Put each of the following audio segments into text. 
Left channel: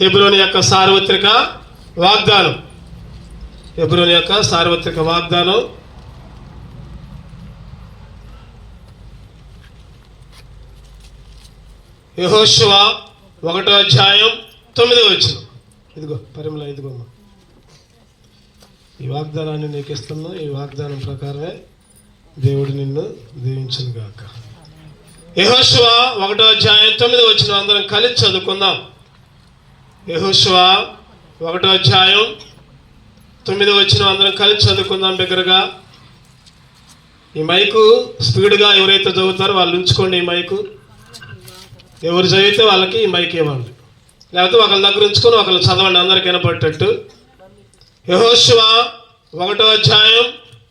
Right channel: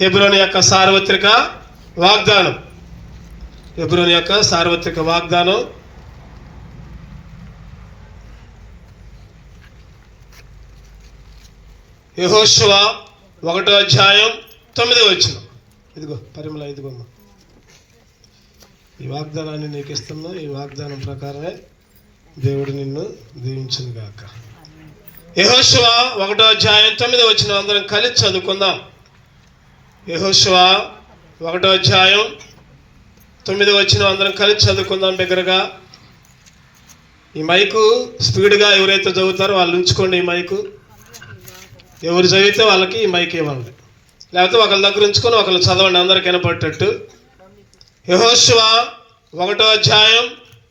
హెబ్రోను యొక్క సార్వత్రిక వాగ్దానం. హెబ్రోను యొక్క సార్వత్రిక వాగ్దానం యెహోషువ 1వ అధ్యాయం 9వ వచనం. ఇదిగో పరిమళ, ఇదిగో ఈ వాగ్దానాన్ని నీకు ఇస్తున్నా. ఈ వాగ్దానం ప్రకారమే దేవుడు నిన్ను దీవించును గాక. యెహోషువ 1వ అధ్యాయం 9వ వచనం అందరం కలిసి చదువుకుందాం. యెహోషువ 1వ అధ్యాయం 9వ వచనం అందరం కలిసి చదువుకుందాం బిగ్గరగా. ఈ మైకు స్పీడ్గా ఎవరైతే చదువుతారో వాళ్ళు ఉంచుకోండి. ఈ మైకు ఎవరు చదివితే వాళ్ళకి ఈ మైక్ ఇవ్వండి, లేకపోతే ఒకళ్ళ దగ్గర ఉంచుకొని ఒకళ్ళు చదవండి, అందరికి వినపడేటట్టు. యెహోషువ 1వ అధ్యాయం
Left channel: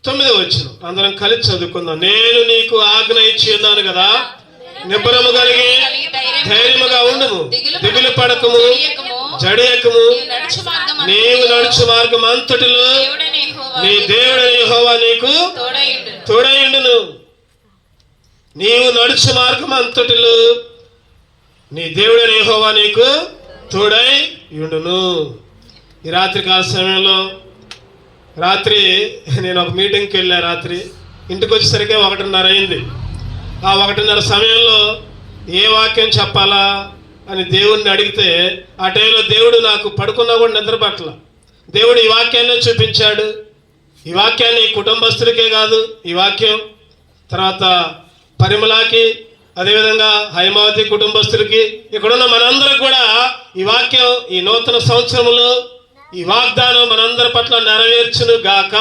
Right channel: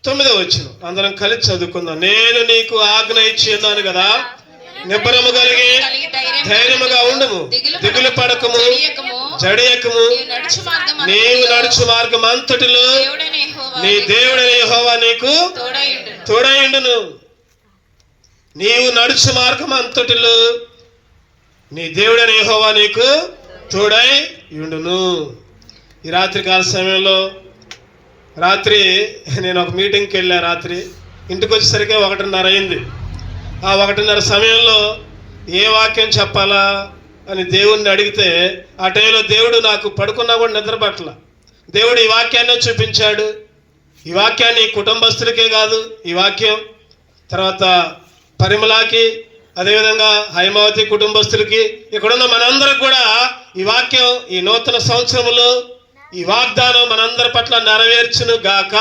9వ వచనం అందరం కలిసి చదువుకుందాం. నేను నీకు ఆజ్ఞ ఇచ్చి ఉన్నాను కదా, నిబ్బరము కలిగి ధైర్యముగా ఉండుము, దిగులు పడకము, జడియకము. నీవు నడుచు మార్గం అంతటిలో నీ దేవుడైన యెహోవా నీకు తోడైయుండును. నీవు నడుచు మార్గం అంతటిలో నీ దేవుడైన యెహోవా నీకు తోడై ఉండును. ఈ రాత్రి కాల సమయంలో రాత్రి నేను ఒక మీటింగ్కి వెళ్ళా. రాత్రి ఇంటికి వచ్చేసరికి 1:30 అయింది. ఆ 1:30 సమయంలో ఏ వాక్యం చెప్పాలా అని దేవుణ్ణి అడిగితే ఆ టైంలో దేవుడు నాకు పడుకున్నా కూడా నిద్ర పట్ల దేవుడు ఈ వాక్యాన్ని చూపించాడు. ఈ వాక్యాన్ని కుటుంబస్తులకే కాదు, ఈ వాక్యం తర్వాత పరిమళకి, అదేవిధంగా హైమావతి కుటుంబస్తులకి, ఇక్కడున్న మనందరికి కూడా ఈ వాక్యం ఈ నూతన సంవత్సరంలో ఈ వాగ్దానం మనందరి పట్ల నెరవేర్చును గాక.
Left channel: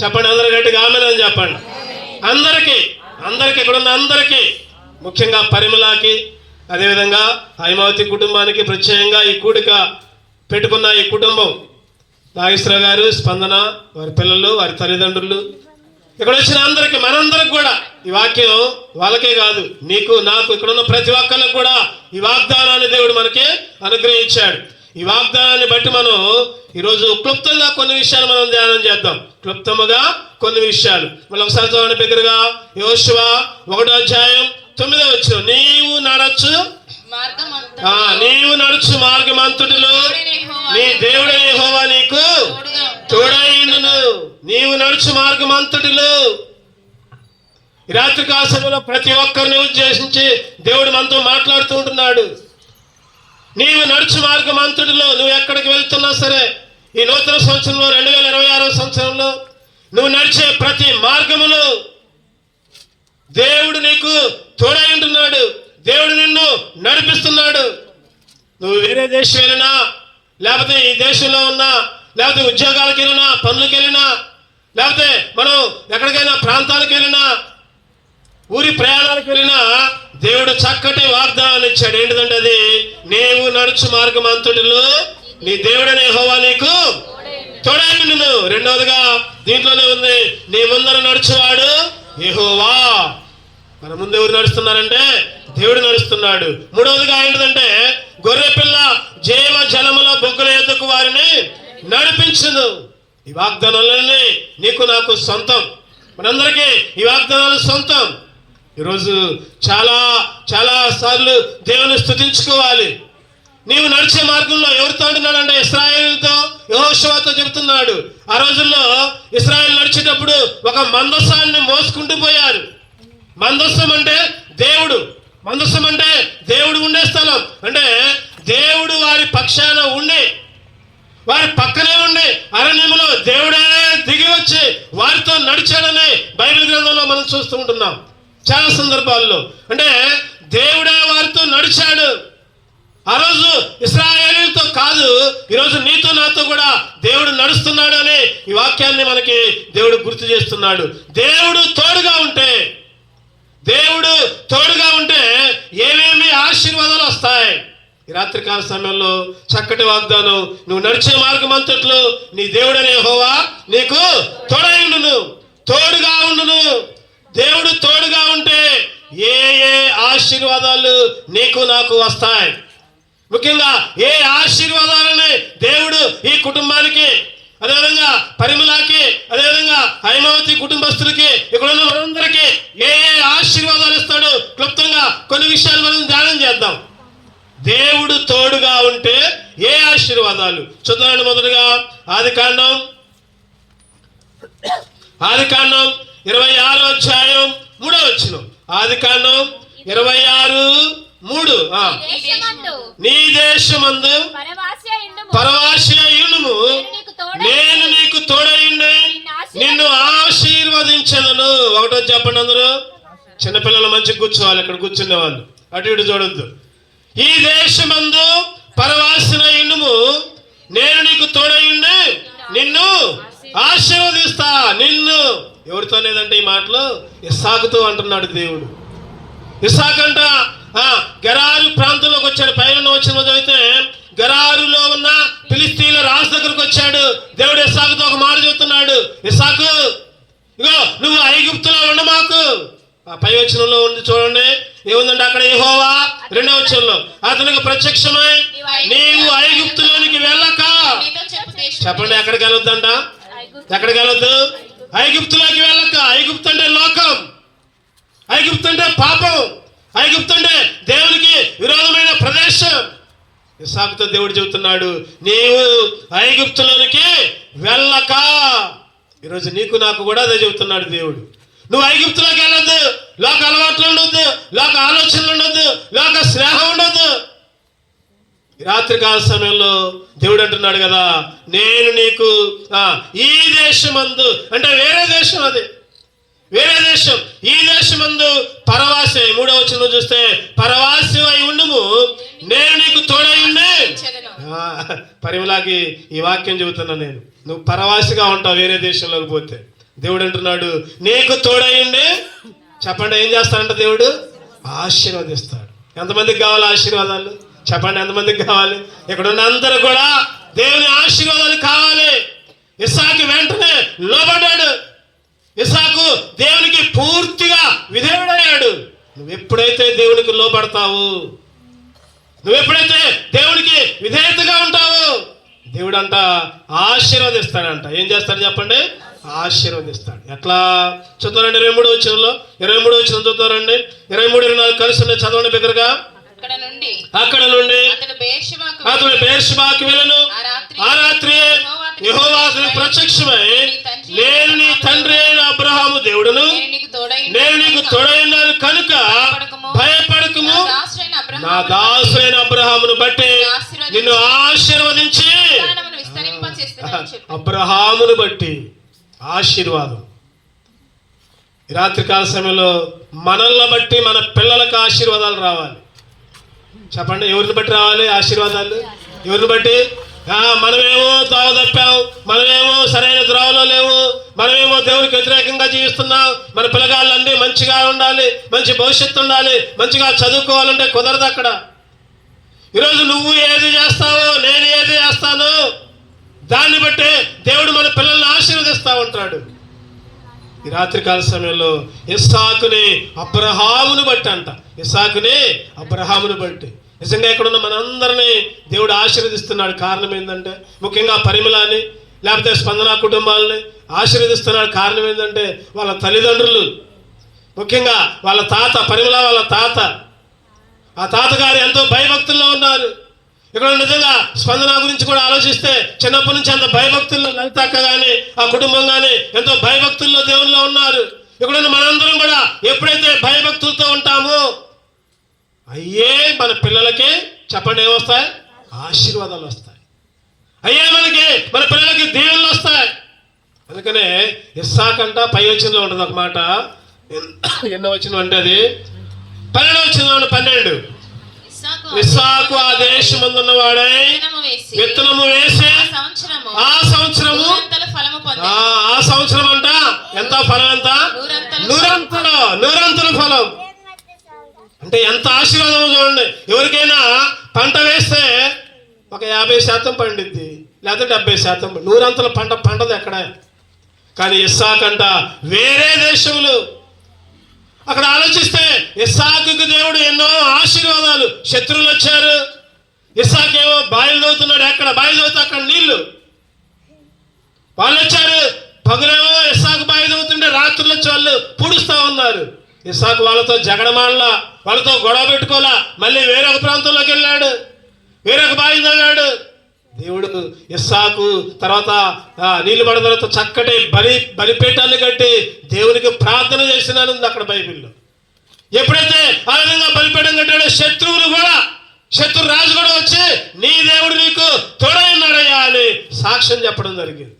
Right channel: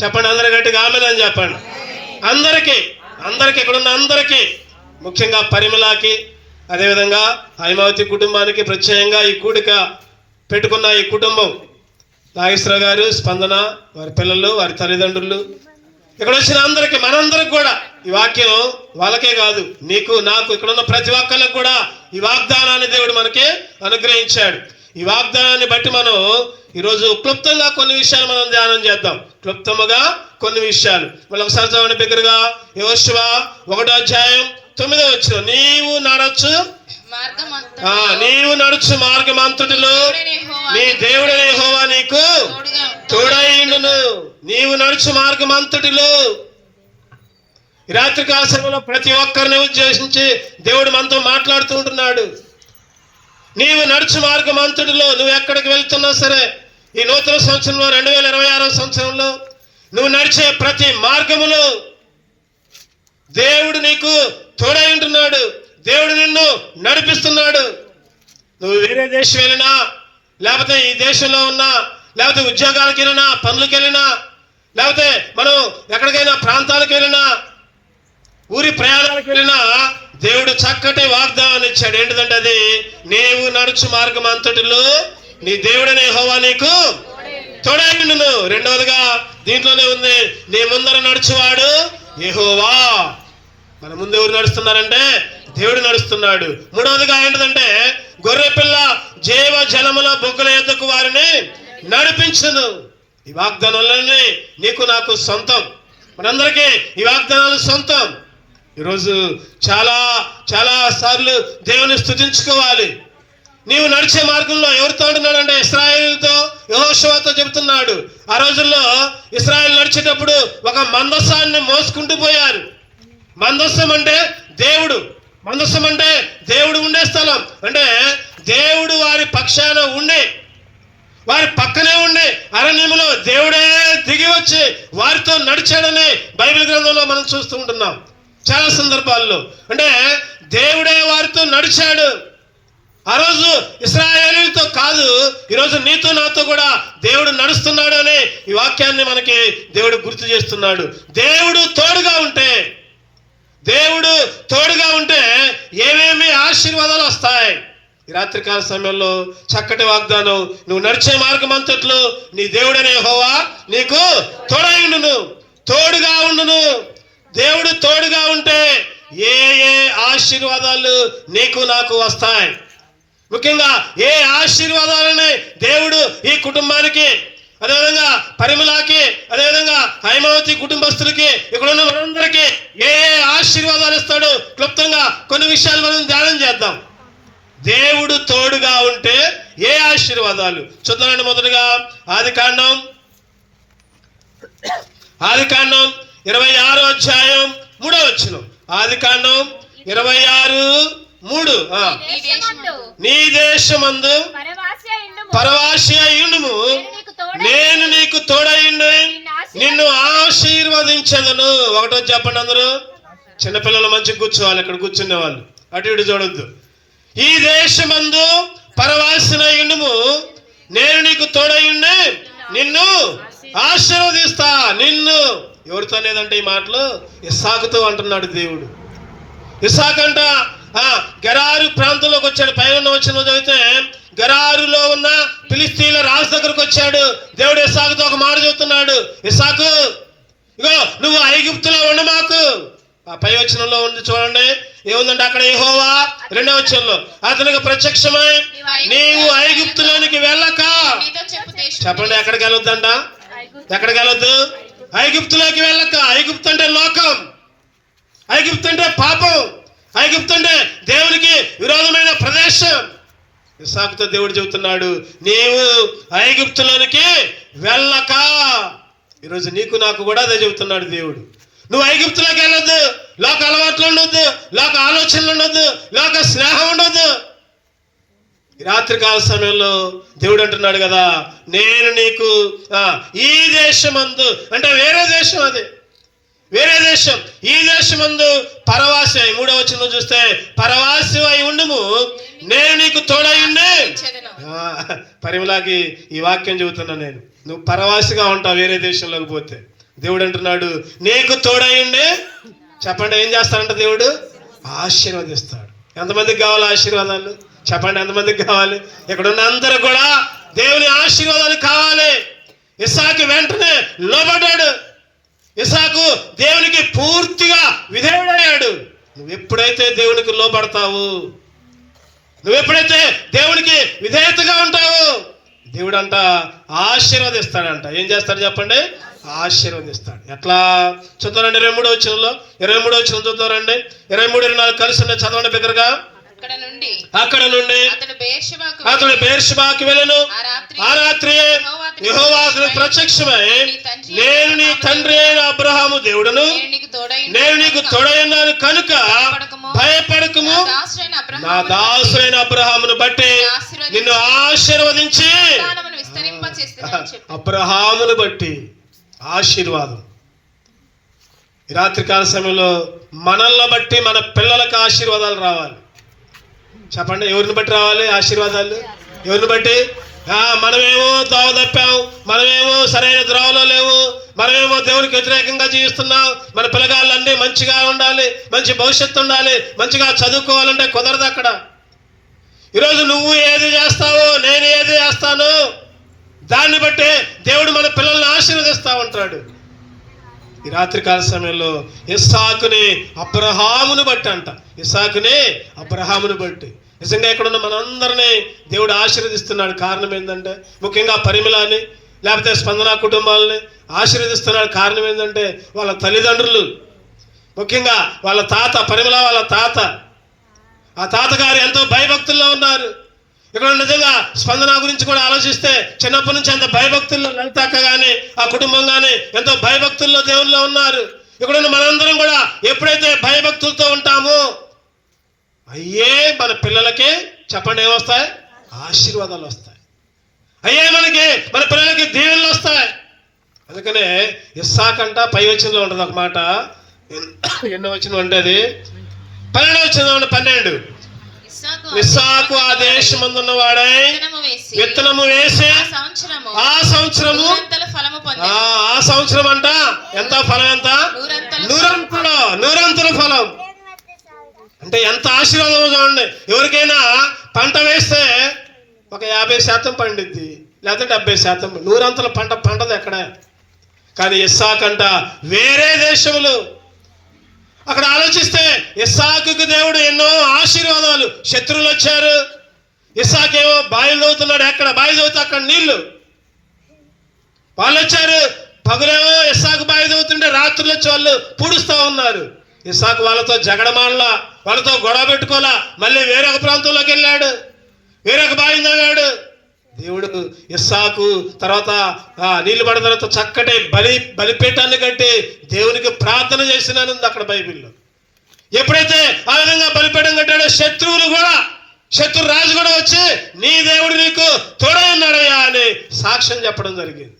చెప్పండి, అందరి గట్టిగా ఆమేన్ అని చెప్పండి. అందరికీ ఇక్కడున్న అందరికీ, ముఖ్యంగా పరిమళకి, అదేవిధంగా హైమావతి కుటుంబానికి ప్రత్యేకంగా ఈ కూడిక పెట్టుకున్న ఈ కుటుంబం, నాగేశ్వర గారు, స్పందన, వారి పిల్లలు, వారి తల్లిదండ్రులు, ఇక్కడ వచ్చిన అందరికి, మనందరికి కూడా ఈ వాక్యం వాళ్ళకే కాదు, నీకు నాకు, ఇక్కడున్న ప్రతి ఒక్కరికి కూడా ఈ వాగ్దానాన్ని దేవుడు మనకి అనుగ్రహించాడు. ఈ వాగ్దానాన్ని బట్టి మనం ఈరోజు క్లుప్తంగా కొన్ని విషయాలు మనం ధ్యానం చేద్దాం. క్లుప్తముగా కొన్ని విషయాలు మళ్ళీ ఒకసారి చదవండి బిగ్గరగా. యెహోషువ 1వ అధ్యాయం 9వ వచనం. నీవు నడుచు మార్గం అంతటిలో నీ దేవుడైన యెహోవా నీకు తోడైయుండును. నీవు నడుచు మార్గం అంతటిలో. ఈ రాత్రి కాల సమయంలో ప్రతి ఒక్కరిని ఉద్దేశించి దేవుడు మనతో మాట్లాడుతూ ఉంటున్నాడు. నీవు నడుచు మార్గం అంతటిలో, నువ్వు ఎక్కడికి వెళ్తున్నా సరే, ఈ నూతన సంవత్సరంలో 2026వ సంవత్సరంలో నువ్వు నడిచే ప్రతి మార్గములో దేవుడు నీకు తోడై ఉంటున్నాడు. దేవుడు నిన్ను నడిపిస్తున్నాడు. నువ్వు వేరే దేశం వెళ్ళినా, లేకపోతే ఈ దేశంలో ఉన్నా, లేకపోతే ఉద్యోగాలకు వెళ్ళినా, పనులకు వెళ్ళినా, లేకపోతే మనం ఎక్కడికైనా ప్రాంతాలకు వెళ్ళినా, ఊరి ప్రయాణాలకు వెళ్ళినా, దేవుడు చక్కటి వాగ్దానం ఇచ్చాడు. ఏంటిదంటే అది, నీవు నడుచు మార్గం అంతటిలో నీ దేవుడైన యెహోవా నీకు తోడైయుండును. రెండవదిగా దీంట్లోనే ఉంది, నీ ముందర నడుచువాడు యెహోవా. మన ముందు ఎవరు నడుస్తున్నారంటే దేవుడు నడుస్తున్నాడు. మూడవదిగా ఏంటిదంటే, గొర్రె పిల్ల జీవ జలముల బొగ్గల యొద్దకు వారిని నడిపించును. ఈ వాగ్దానాలన్నీ నీకు నాకు సొంతం, మనందరికీ ఈ వాగ్దానాలు సొంతం. ఈరోజు చాలా చాలా సార్లు దేవుని స్తుతించుకోవాలి. నీవు నడిచే మార్గంలో ఎవరితో ఉంటున్నాడంటే ఇశ్రాయేలుతో, యెహోషువతో చెబుతున్నాడు. ఆ రోజుల్లో ఇశ్రాయేలు నడిచేటప్పుడు ఒక మందసాన్ని మోసుకుంటూ పోయారు. మందస్సం అంటే దేవుడు, మందస్సం అంటే దేవుడు ఉండే స్థలం. అంటే దేవుడు వారి పక్షాన ఉండి, వారి పక్కనే ఉండి, అరణ్యములో దేవుడే దిగి వచ్చి వారితో నడిచాడని బైబిల్ గ్రంథంలో మనం చూస్తూ ఉంటున్నాం చాలా సందర్భాల్లో. అంటే దేవుడే వారితో నడిచాడు. ఆ రోజు ఇశ్రాయేలుతో కాదు, ఈరోజు నీతో నాతో కూడా దేవుడు నడుస్తున్నాడు అని ఈ వాక్యాన్ని మనకి దేవుడు గుర్తు చేస్తున్నాడు. దేవుడు తోడుగా ఉంటే ఏమేమి ఆశీర్వాదాలు వస్తాయి. ఈ రాత్రికాల సమయంలో చక్కటి వాగ్దానం, నువ్వు నడిచే మార్గం అంతట్లో నీ దేవుడైన యెహోవా నీకు తోడుగా ఉండును. దేవుడు తోడుగా ఉంటే ఏ ఆశీర్వాదాలు నీకు నాకు వస్తాయి. ముఖ్యంగా ఏ ఆశీర్వాదాలని దేవుడు ఈ కుటుంబానికి, అదేవిధంగా పరిమళకి, అదేవిధంగా హైమావతి కుటుంబస్తులకి, ఇక్కడ ఉన్న మనందరికీ ఏ ఆశీర్వాదాలు ఇస్తాడు, క్లుప్తంగా కొన్ని విషయాలు మనం ధ్యానం చేద్దాం. దేవుడు తోడుగా ఉంటే ఏ ఆశీర్వాదాలు చూద్దామండి. మొదటగా ఆదికాండం 26వ అధ్యాయం 3వ వచనం. ఆదికాండం 26:3. నీ దేశమందు పరవాసి అయ్యుండుము, నేను నీకు తోడైండి నిన్ను ఆశీర్వదించదను. ఒకటో చెప్పండి అందరూ. చిన్నపిల్లలు మంచిగా కూర్చోవాలి, అక్కడ కూర్చునే వాళ్ళు అటు ఇటు చూడొద్దు. ఈ దేశమందు పరవాసినయుండుము, నేను నీకు తోడైండి నిన్ను ఆశీర్వదిస్తా. నిన్ను ఎవరితో లేదంటే ఈ మాటలు ఇస్సాకుతో అంటున్నాడు దేవుడు. ఇస్సాకంట గెరారు ప్రాంతంలోకి వచ్చాడు. పైన వచ్చిన చదివితే గెరారులో ఉన్న ఫిలిస్తీన్ల రాజు దగ్గరకు వచ్చాడు. దేవుడు ఇస్సాకుతో ఒక మాట చెబుతున్నాడు, ఇస్సాకు ఇగో నువ్వు ఐగుప్తులో ఉండు మాకు. ఆ పై వచనంలో ఉంది చూడండి, ఏముందంటే అక్కడ యెహోవా 2వ వచనంలో అతనికి ప్రత్యక్షమై నీవు ఐగుప్తులోనికి వెళ్ళక. చెప్పండి, ఎక్కడికి వెళ్ళొద్దంట? ఎక్కడికి వెళ్ళొద్దు? ఐగుప్తులోకి వెళ్ళక. ఐగుప్తు అంటే లోకం, ఐగుప్తు అంటే పాపం, ఐగుప్తు అంటే దేవునికి విరోధమైన ప్రదేశం. ఇస్సాకుతో దేవుడు చెబుతున్నాడు, నీవు ఐగుప్తులోనికి వెళ్ళక. ఈరోజు నీకు నాకు కూడా అదే చెబుతున్నాడు దేవుడు. నువ్వు ఐగుప్తులోకి వెళ్ళొద్దు. లోక అలవాట్లు ఉండొద్దు, లోక ఆలోచనలు ఉండొద్దు, లోక స్నేహం ఉండొద్దు. రాత్రికాల సమయంలో దేవుడు అంటున్నాడు కదా, నేను నీకు ఈ దేశమందు, అంటే వేరే దేశం, అది వేరే దేశం, ఈ దేశమందు పరవాసి. 3వ వచనంలో చూస్తే పరవాసి అయి ఉండుము, నేను నీకు తోడైండి. పరిమళకి ఈ వాక్యం చెబుతున్నా నేను. నువ్వు పరవాసిగా ఉంటావు వేరే దేశంలోకి పోతే. దేవుడు అంటున్నాడు నీకు తోడైండి. చెప్పండి, ఏం చేస్తాడంట దేవుడు? ఆశీర్వదిస్తాడు. ఎంతమందికి కావాలి ఆశీర్వాదాలు? చెప్పండి, ఎంతమందికి కావాలి? ఇక్కడ ఉన్న అందరూ కూడా దేవుని ఆశీర్వాదాలు కావాలి. ఇస్సాకు వెంటనే లోబడ్డాడు. ఇస్సాకు దేవునికి పూర్తిగా విధేయుడయ్యాడు. నువ్వు ఎప్పుడైతే దేవునికి లోబడతావు, నువ్వు ఎప్పుడైతే దేవునికి విధేయతగా ఉంటావు, దేవుడు అంట ఆశీర్వదిస్తాడంట. ఏం చేస్తాడు చెప్పండి? ఆశీర్వదిస్తాడు. ఎట్లా చూద్దారండి? 23వ వచనంలో 23వ వచనం చూద్దారండి. 23-24 కలిసి చదవండి బిగ్గరగా. అక్కడ నుండి అతడు బెయేర్షెబాకు వెళ్ళెను. ఆ రాత్రి యెహోవా అతనికి ప్రత్యక్షమై, నేను నీ తండ్రి అయిన అబ్రహాము దేవుడును, నేను నీకు తోడైనాను కనుక భయపడకుము, నా దాసుడైన అబ్రహామును బట్టి నిన్ను ఆశీర్వదించి. అబ్రహామును బట్టి ఆశీర్వాదం. ఈ రాత్రికాల సమయంలో మనల్ని బట్టి మన పిల్లలకు ఆశీర్వాదాలు రావాలి. చెప్పండి, ఎవరిని బట్టి రావాలి ఆశీర్వాదాలు? ఎవరిని బట్టి? మనమేమో దోవ తప్పాం, మనమేమో సరైన ద్రోవలో లేవు, మనమేమో దేవునికి వ్యతిరేకంగా జీవిస్తున్నాం. మన పిల్లగాళ్ళన్నీ మంచిగా ఉండాలి, మంచి భవిష్యత్తు ఉండాలి, మంచిగా చదువుకోవాలంటే కుదరదు అక్కడ. ఈరోజు నువ్వు ఏది చేస్తావో, నేను ఏది చేస్తాను, దాన్ని బట్టి దేవుడు మన పిల్లల్ని ఆశీర్వదిస్తా ఉంటాడు. ఈ రాత్రికాల సమయంలో ఇస్సాకుని అబ్రహామును బట్టి అంట, ఇస్సాకుని అబ్రహామును బట్టి నిజంగా ఇక్కడున్న మనందరినీ దేవుడు ఆశీర్వదిస్తున్నాడు. కారణం ఏంటంటే, ముఖ్యంగా పరిమళని లేకపోతే స్పందన కుటుంబాలని ఆశీర్వదిస్తున్నాడు. కారణం ఏంటంటే వాళ్ళ తల్లిదండ్రులు, ముఖ్యంగా వాళ్ళ తాత, పరిమళ వాళ్ళ తాత, ఆ తాతగారు ఎంతో భయభక్తుల్లో ఉన్నారు. ఇక్కడ నిజంగా స్పందన గురించి కూడా ఆలోచిస్తే చిన్నప్పటి నుంచి అంత భయభక్తుల్లో లలితక్క కానీ ఆ కుటుంబం కానీ ఎంతో భయభక్తుల్లో దేవుల్లో ఉన్నారు. ఇక్కడ మనందరం కూడా ఎప్పుడైతే భయభక్తులతో ఉంటామో అయ్యే మన పిల్లలకి చెప్పండి ఏమొస్తాయి? ఆశీర్వాదాలు వస్తాయి. అయ్యే మన పిల్లలకి దీవెనలు వస్తాయి. అందుకనే ఇస్సాకంట పై వచనంలో ఉంటుంది ఒక మాట. ఎన్నో వచనం అంటే అది 12వ వచనంలో 12. ఇస్సాకు ఆ దేశమందున్న వాడై విత్తనము వేసి ఆ సంవత్సరము ఆ సంవత్సరం అంట ఎంత ఫలం? అంత నూరంతల ఫలం. అంటే ఎంత ఆశీర్వాదం చూడండి. ఎవరికైనా పంట వేస్తే ఒక 50% పండిద్ది, లేకపోతే 70%. నూరంతల పంట పంటది ఎక్కడ? కానీ ఇస్సాకంట వేరే దేశములు. అక్కడ ఆలోచిస్తే ఇస్సాకుకు దేవుడు ఎన్నో ఆశీర్వాదాలు. శత్రువులు వచ్చారు, ఇస్సాకేమో బాయిలు చదువుతున్నాడు. ఎక్కడ బాయిలు చదువుతా అక్కడ నీళ్లు. వాళ్ళు వచ్చారు, పగులేమో ఇస్సాకు బాయి చదువుతుంటే రాత్రులు వచ్చి వాళ్ళు పూడుస్తూ ఉన్నారు. ఇస్సాకు వాళ్ళతో జగడమాడలా, వాళ్ళతో గొడవ పెట్టుకోలా, మళ్ళీ వేరొక ప్రాంతంలోకి వెళ్ళాడు, వేరొక బావి తవ్వాడు. దేవుడు ఇస్సాకు తర్వాత నీళ్లు పడిన తర్వాత చక్కటి బలిపీఠాన్ని కట్టి దేవునికి ప్రార్థన చేసినాను అక్కడ బైబిల్లో. ఎప్పుడైతే ఆ విధంగా బలిపీఠం కట్టాడో శత్రు రాజు కూడా వచ్చి నీ దేవుడు నీకు తోడై ఉన్నాడయ్యా అని సాక్ష్యం చెప్పడం జరిగింది.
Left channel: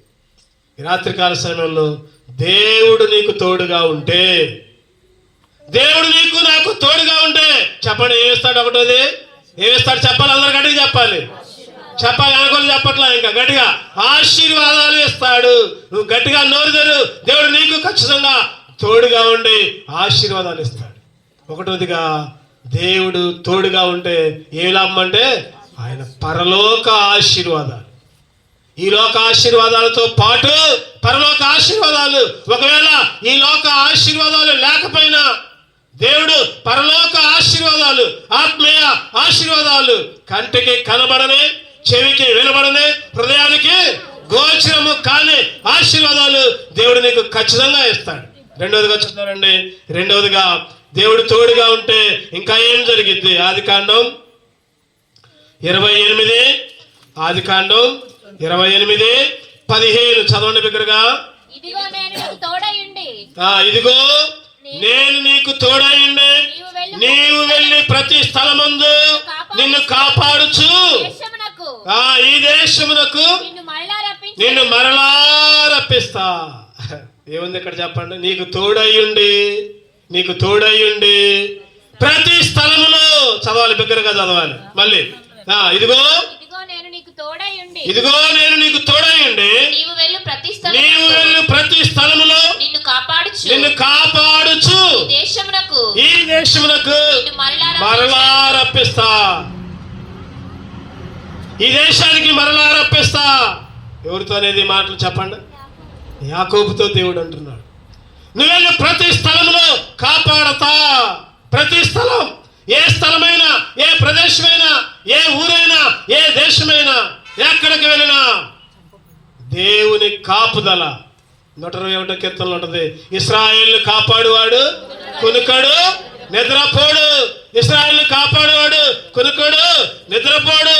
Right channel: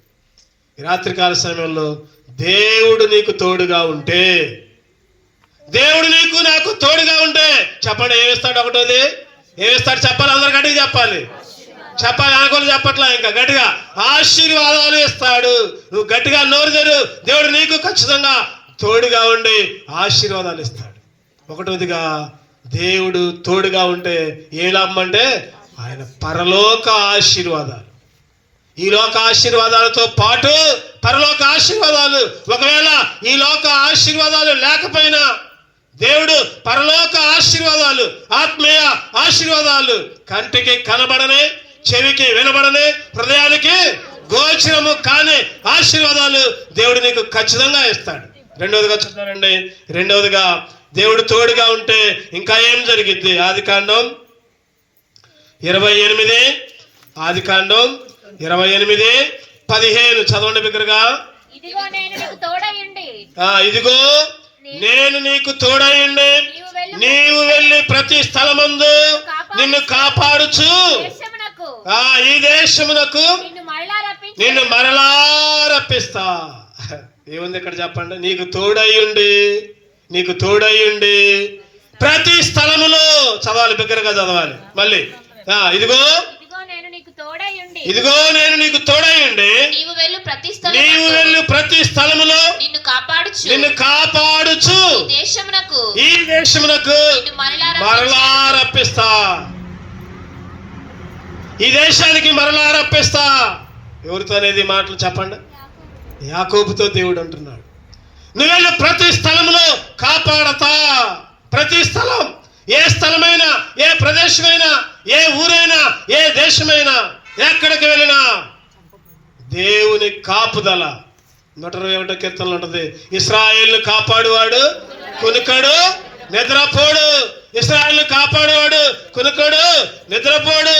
ఈ రాత్రికాల సమయంలో దేవుడు నీకు తోడుగా ఉంటే, దేవుడు నీకు నాకు తోడుగా ఉంటే చెప్పండి, ఏమిస్తాడు? ఒకటోది ఏమిస్తాడు చెప్పాలి, అందరు గట్టిగా చెప్పాలి, అనుకోని చెప్పట్లా, ఇంకా గట్టిగా ఆశీర్వాదాలు ఇస్తాడు. నువ్వు గట్టిగా నోరు తెరు, దేవుడు నీకు ఖచ్చితంగా తోడుగా ఉండి ఆశీర్వాదాలు ఇస్తాడు. ఒకటోదిగా దేవుడు తోడుగా ఉంటే ఏ లాభం అంటే ఆయన పరలోక ఆశీర్వాదాలు, ఈ లోక ఆశీర్వాదాలతో పాటు పరలోక ఆశీర్వాదాలు. ఒకవేళ ఈ లోక ఆశీర్వాదాలు లేకపోయినా దేవుడు పరలోక ఆశీర్వాదాలు, ఆత్మీయ ఆశీర్వాదాలు, కంటికి కనబడని, చెవికి వినబడని, హృదయానికి గోచరము కాని ఆశీర్వాదాలు దేవుడు నీకు ఖచ్చితంగా ఇస్తాడు. రెండవదిగా చూద్దామండి. రెండవదిగా దేవుడు తోడుగా ఉంటే ఇంకా ఏం జరిగింది? ఆదికాండం 28:15 చదవండి బిగ్గరగా. ఇదిగో నేను నీకు తోడయుండి నీవు వెళ్ళి ప్రతి స్థలమందు నిన్ను కాపాడుచు ఈ దేశమునకు నిన్ను మరలా రప్పిస్తా. ఏముంది ఇక్కడ చెప్పండి? నీకు తోడయుండి ప్రతి స్థలములో చదవాలి, బిగ్గరగా చదవాలి మళ్ళీ. ఇదిగో నేను నీకు తోడయుండి నీవు వెళ్ళు ప్రతి స్థలములో నిన్ను కాపాడుచు ఈ దేశమునకు మరలా రప్పిస్తా. ఈ దేశానికి మరలా రప్పిస్తా. ఎవరితో అనేది మాటలు చెప్పండి? యాకోబుతో దేవుడు అంటున్నాడు, నువ్వెళ్ళు ప్రతి స్థలంలో కాపాడతా. ప్రతి స్థలం, ఏ స్థలమైనా, ఏ ప్రదేశమైనా, ఏ ఊరైనా, ఏ దేశమైనా, ఎక్కడికి వెళ్ళినా దేవుని కాపుదల. 121 కీర్తనలు ఉంటుంది, ఇశ్రాయేలును కాపాడువాడు కునుకడు నిద్రపోడు. ఇశ్రాయేలును కాపాడువాడు కునుకడు నిద్రపోడు.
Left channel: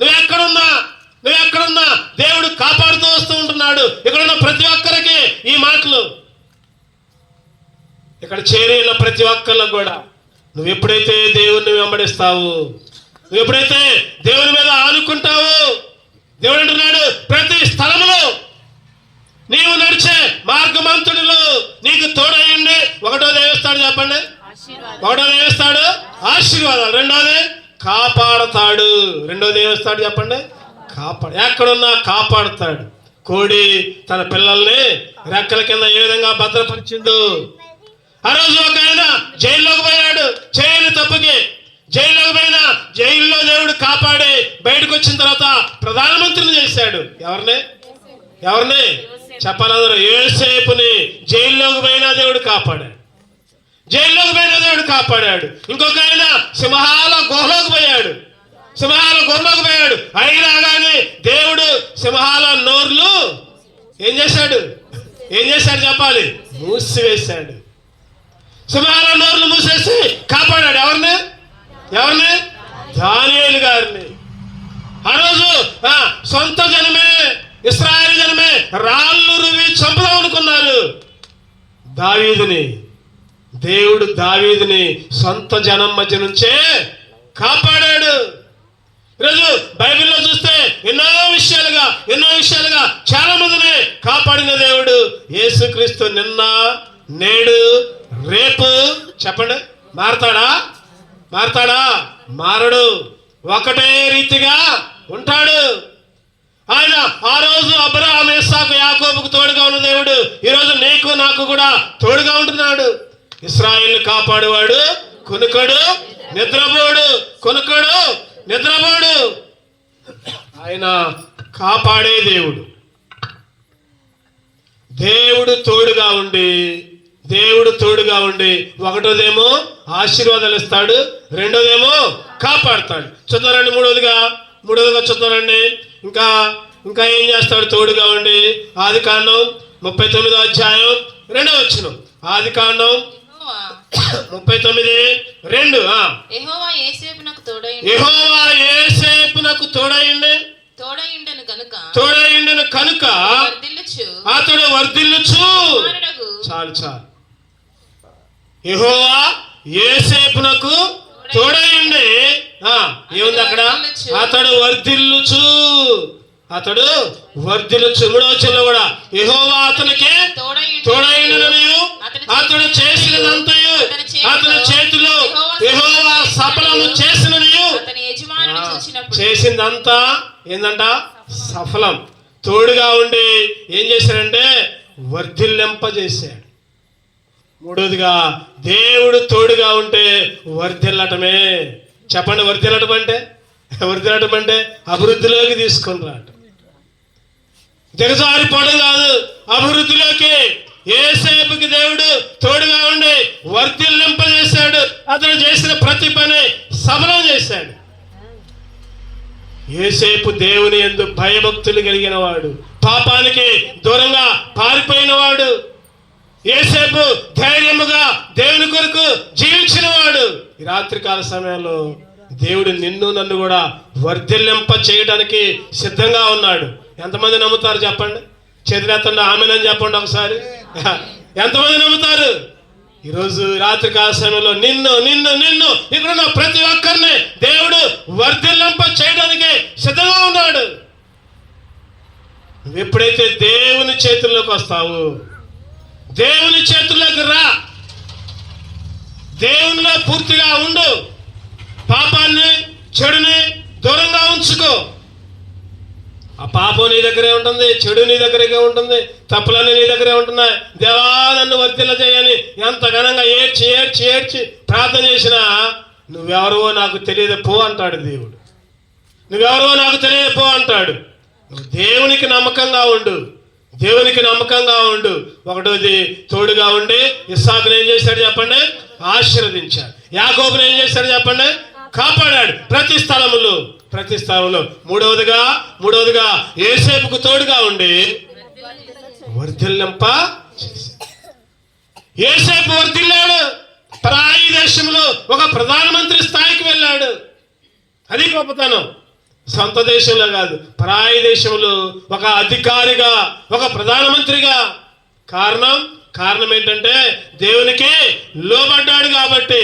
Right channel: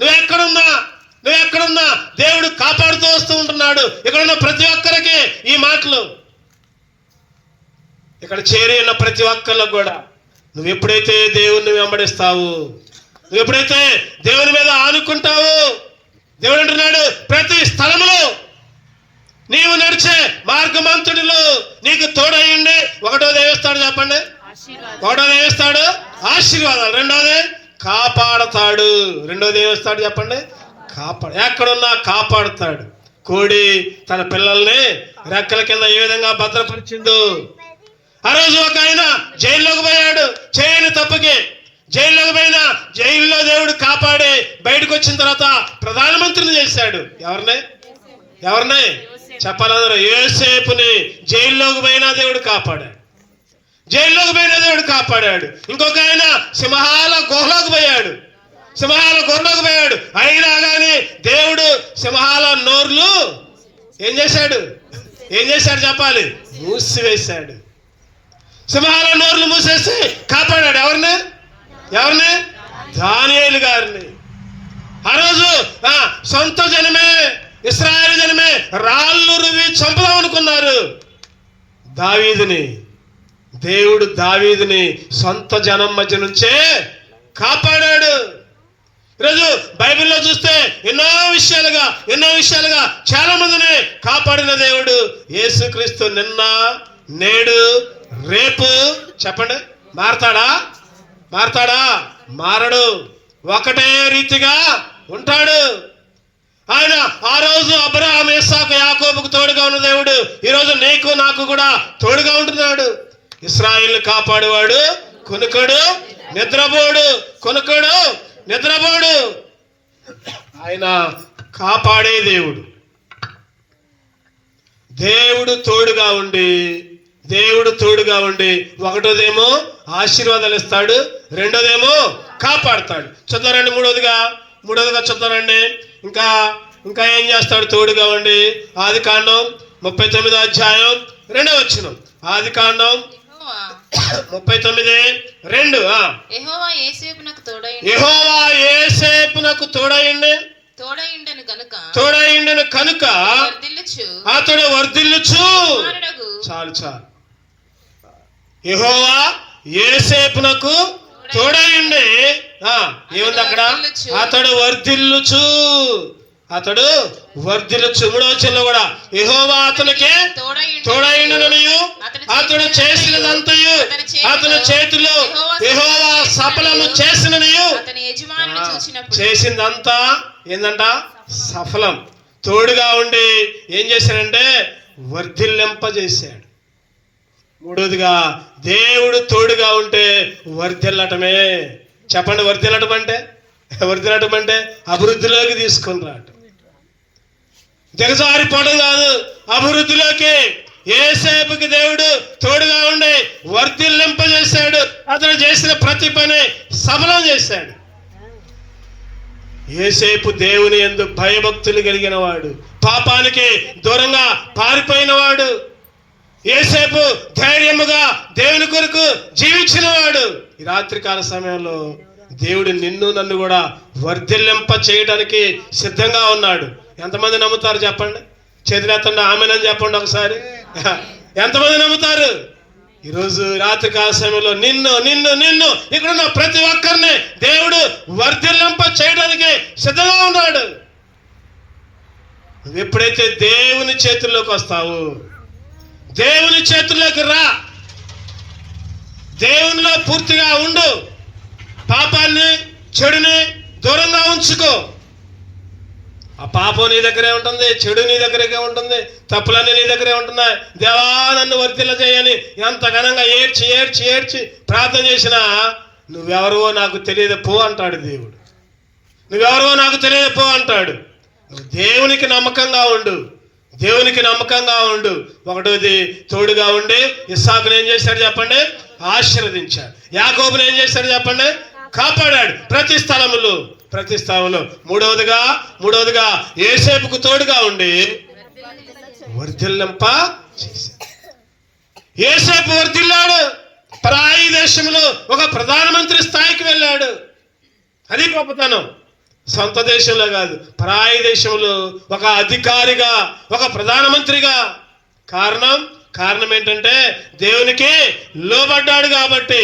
నువ్వెక్కడున్నా దేవుడు కాపాడుతూ వస్తూ ఉంటున్నాడు. ఇక్కడ ఉన్న ప్రతి ఒక్కరికి ఈ మాటలు, ఇక్కడ చేరి ఉన్న ప్రతి ఒక్కళ్ళకు కూడా, నువ్వు ఎప్పుడైతే దేవుణ్ణి వెంబడిస్తావు, నువ్వు ఎప్పుడైతే దేవుని మీద ఆనుకుంటావు, దేవుడు అంటున్నాడు ప్రతి స్థలములో నీవు నడిచే మార్గమంతుడిలో నీకు తోడయ్యండి. ఒకటోది ఏమిస్తాడు చెప్పండి? ఒకటోది ఏమిస్తాడు? ఆశీర్వాదాలు. రెండోది కాపాడతాడు. రెండోది ఏమిస్తాడు చెప్పండి? ఎక్కడున్నా కాపాడుతాడు. కోడి తన పిల్లల్ని రెక్కల కింద ఏ విధంగా భద్రపరిచిండు. ఆ రోజు ఒక ఆయన జైల్లోకి పోయాడు, చేయని తప్పుకి జైల్లోకి పోయినా జైల్లో దేవుడు కాపాడి బయటకు వచ్చిన తర్వాత ప్రధానమంత్రిని చేశాడు. ఎవరిని చెప్పాలందరూ? యోసేపుని జైల్లోకి పోయినా దేవుడు కాపాడాడు. ఇంకొక ఆయన సింహాల గుహలోకి పోయాడు. అయినా కానీ దేవుడు సింహాల నోర్లు ఏం చేశాడు చెప్పాలి? మూసివేశాడు. సింహాల నోర్లు మూసేసి కాపాడాడు. ఎవరిని? దానియేలు గారిని. ఆ రోజు సొంత జనమే, ఇశ్రాయేలు జనమే రాళ్ళు రువి చంపుదాం అనుకున్నారు. దేవుడు దావీదుని సొంత జనం మధ్య నుంచే కాపాడాడు. ఈరోజు బైబిల్లో చూస్తే ఎన్నో విషయాలుగా చాలా మందిని కాపాడిన దేవుడు యేసుక్రీస్తు నిన్న, నేడు, రేపు చెప్పండి. మారతాడా? మారడు. ఒకటే రీతిగా ఉంటాడు ఆయన. ఆ రోజు అబ్రహాము, ఇస్సాకు, యాకోబుకు తోడుగా ఉన్న దేవుడు ఈరోజు నీకు నాకు కూడా తోడుగా ఉంటున్నాడు. ఇశ్రాయేలును కాపాడువాడు కునుకడు నిద్రపోడు. ఆయన కాపాడే దేవుడు తోడుగా ఉండి ఒకటోదేమో ఆశీర్వాదాలు ఇస్తాడు, రెండోదేమో కాపాడుతాడు. చూద్దారండి. మూడోదిగా చూద్దారండి. ఇంకా ఏం చేస్తాడు తోడుగా ఉండి? ఆదికాండం 39వ అధ్యాయం 2వ వచనం. ఆదికాండం 39:2. యెహోవా యోసేపునకు తోడైండెను కనుక అతడు వర్ధిల్లుచు. చాలు. యెహోవా యోసేపునకు తోడైండి ఏముంది అక్కడ? అతడు వర్ధిల్లుచు. 3వ వచనంలో కూడా యెహోవా అతనికి తోడైండుననియు అతడు చేసినదంతయు అతని చేతిలో యెహోవా సఫలము చేసిననియు. చేసిందంతా ఏందంట? సఫలం. తోడుగా ఉండి ఏం చేశాడంటే వర్ధిల్లింపజేశాడు. 3వదిగా దేవుడు తోడుగా ఉంటే వర్ధిల్లటమే. చెప్పండి, వర్ధిల్లటం అంటే అభివృద్ధిలోకి తీసుకుని రావటం, దిగజారిపోవడం కాదు, అభివృద్ధిలోకి. యోసేపుకి దేవుడు తోడుగా ఉండి వర్ధిల్లింపజేశాడు. అతను చేసిన ప్రతి పని సఫలం చేశాడు. యోసేపు దేవుని యందు భయభక్తులు కలిగిన వాడు, పాపానికి దూరంగా పారిపోయిన వాడు. యోసేపు ధైర్యముగా దేవుని కొరకు జీవించిన వాడు. ఈ రాత్రికాల సమయంలో దేవుడు నిన్ను నన్ను కూడా వర్ధిల్లింప చేయడానికి సిద్ధంగా ఉన్నాడు. ఎంతమంది నమ్ముతారు చెప్పండి? చేతులెత్తండి, ఆమేనని చెప్పండి ఒకసారి. ఎంతమంది నమ్ముతారు? ఈరోజు రాత్రికాల సమయంలో నిన్ను ఇక్కడున్న ప్రతి ఒక్కరిని దేవుడు వర్ధిల్లింప చేయడానికి సిద్ధంగా ఉన్నాడు. నువ్వు ఎప్పుడైతే దేవుని చేతుల్లోకి వస్తావు, దేవుని చేతుల్లోకి రా, దేవునిలో పూర్తిగా ఉండు, పాపాన్ని చెడుని దూరంగా ఉంచుకో. ఆ పాపం నీ దగ్గరే ఉంటుంది, చెడు నీ దగ్గరే ఉంటుంది, తప్పులన్నీ నీ దగ్గరే ఉంటున్నాయి. దేవా నన్ను వర్ధిల్ల చేయని ఎంత ఘనంగా ఏడ్చి ప్రార్థన చేసినా నువ్వెవరో నాకు తెలియదు పో అంటాడు దేవుడు. నువ్వెవరో నాకు తెలియదు పో అంటాడు. నువ్వు దేవునికి నమ్మకంగా ఉండు. 1వది తోడుగా ఉండి ఇస్సాకును ఏం చేశాడు చెప్పండి? ఆశీర్వదించాడు. యాకోబును ఏం చేశాడు చెప్పండి? కాపాడాడు ప్రతి స్థలంలో. 3వదిగా యోసేపుకు తోడుగా ఉండి వర్ధిల్లింప చేశాడు. యోసేపు వర్ధిల్లాడు. పరాయి దేశంలో ఒక ప్రధానమంత్రి స్థాయికి వెళ్ళాడు. అది గొప్పతనం. సొంత దేశంలో కాదు, పరాయి దేశంలో ఒక అధికారిగా, ఒక ప్రధానమంత్రిగా. కారణం ఏంటంటే దేవునికి లోబడ్డాడు కాబట్టి.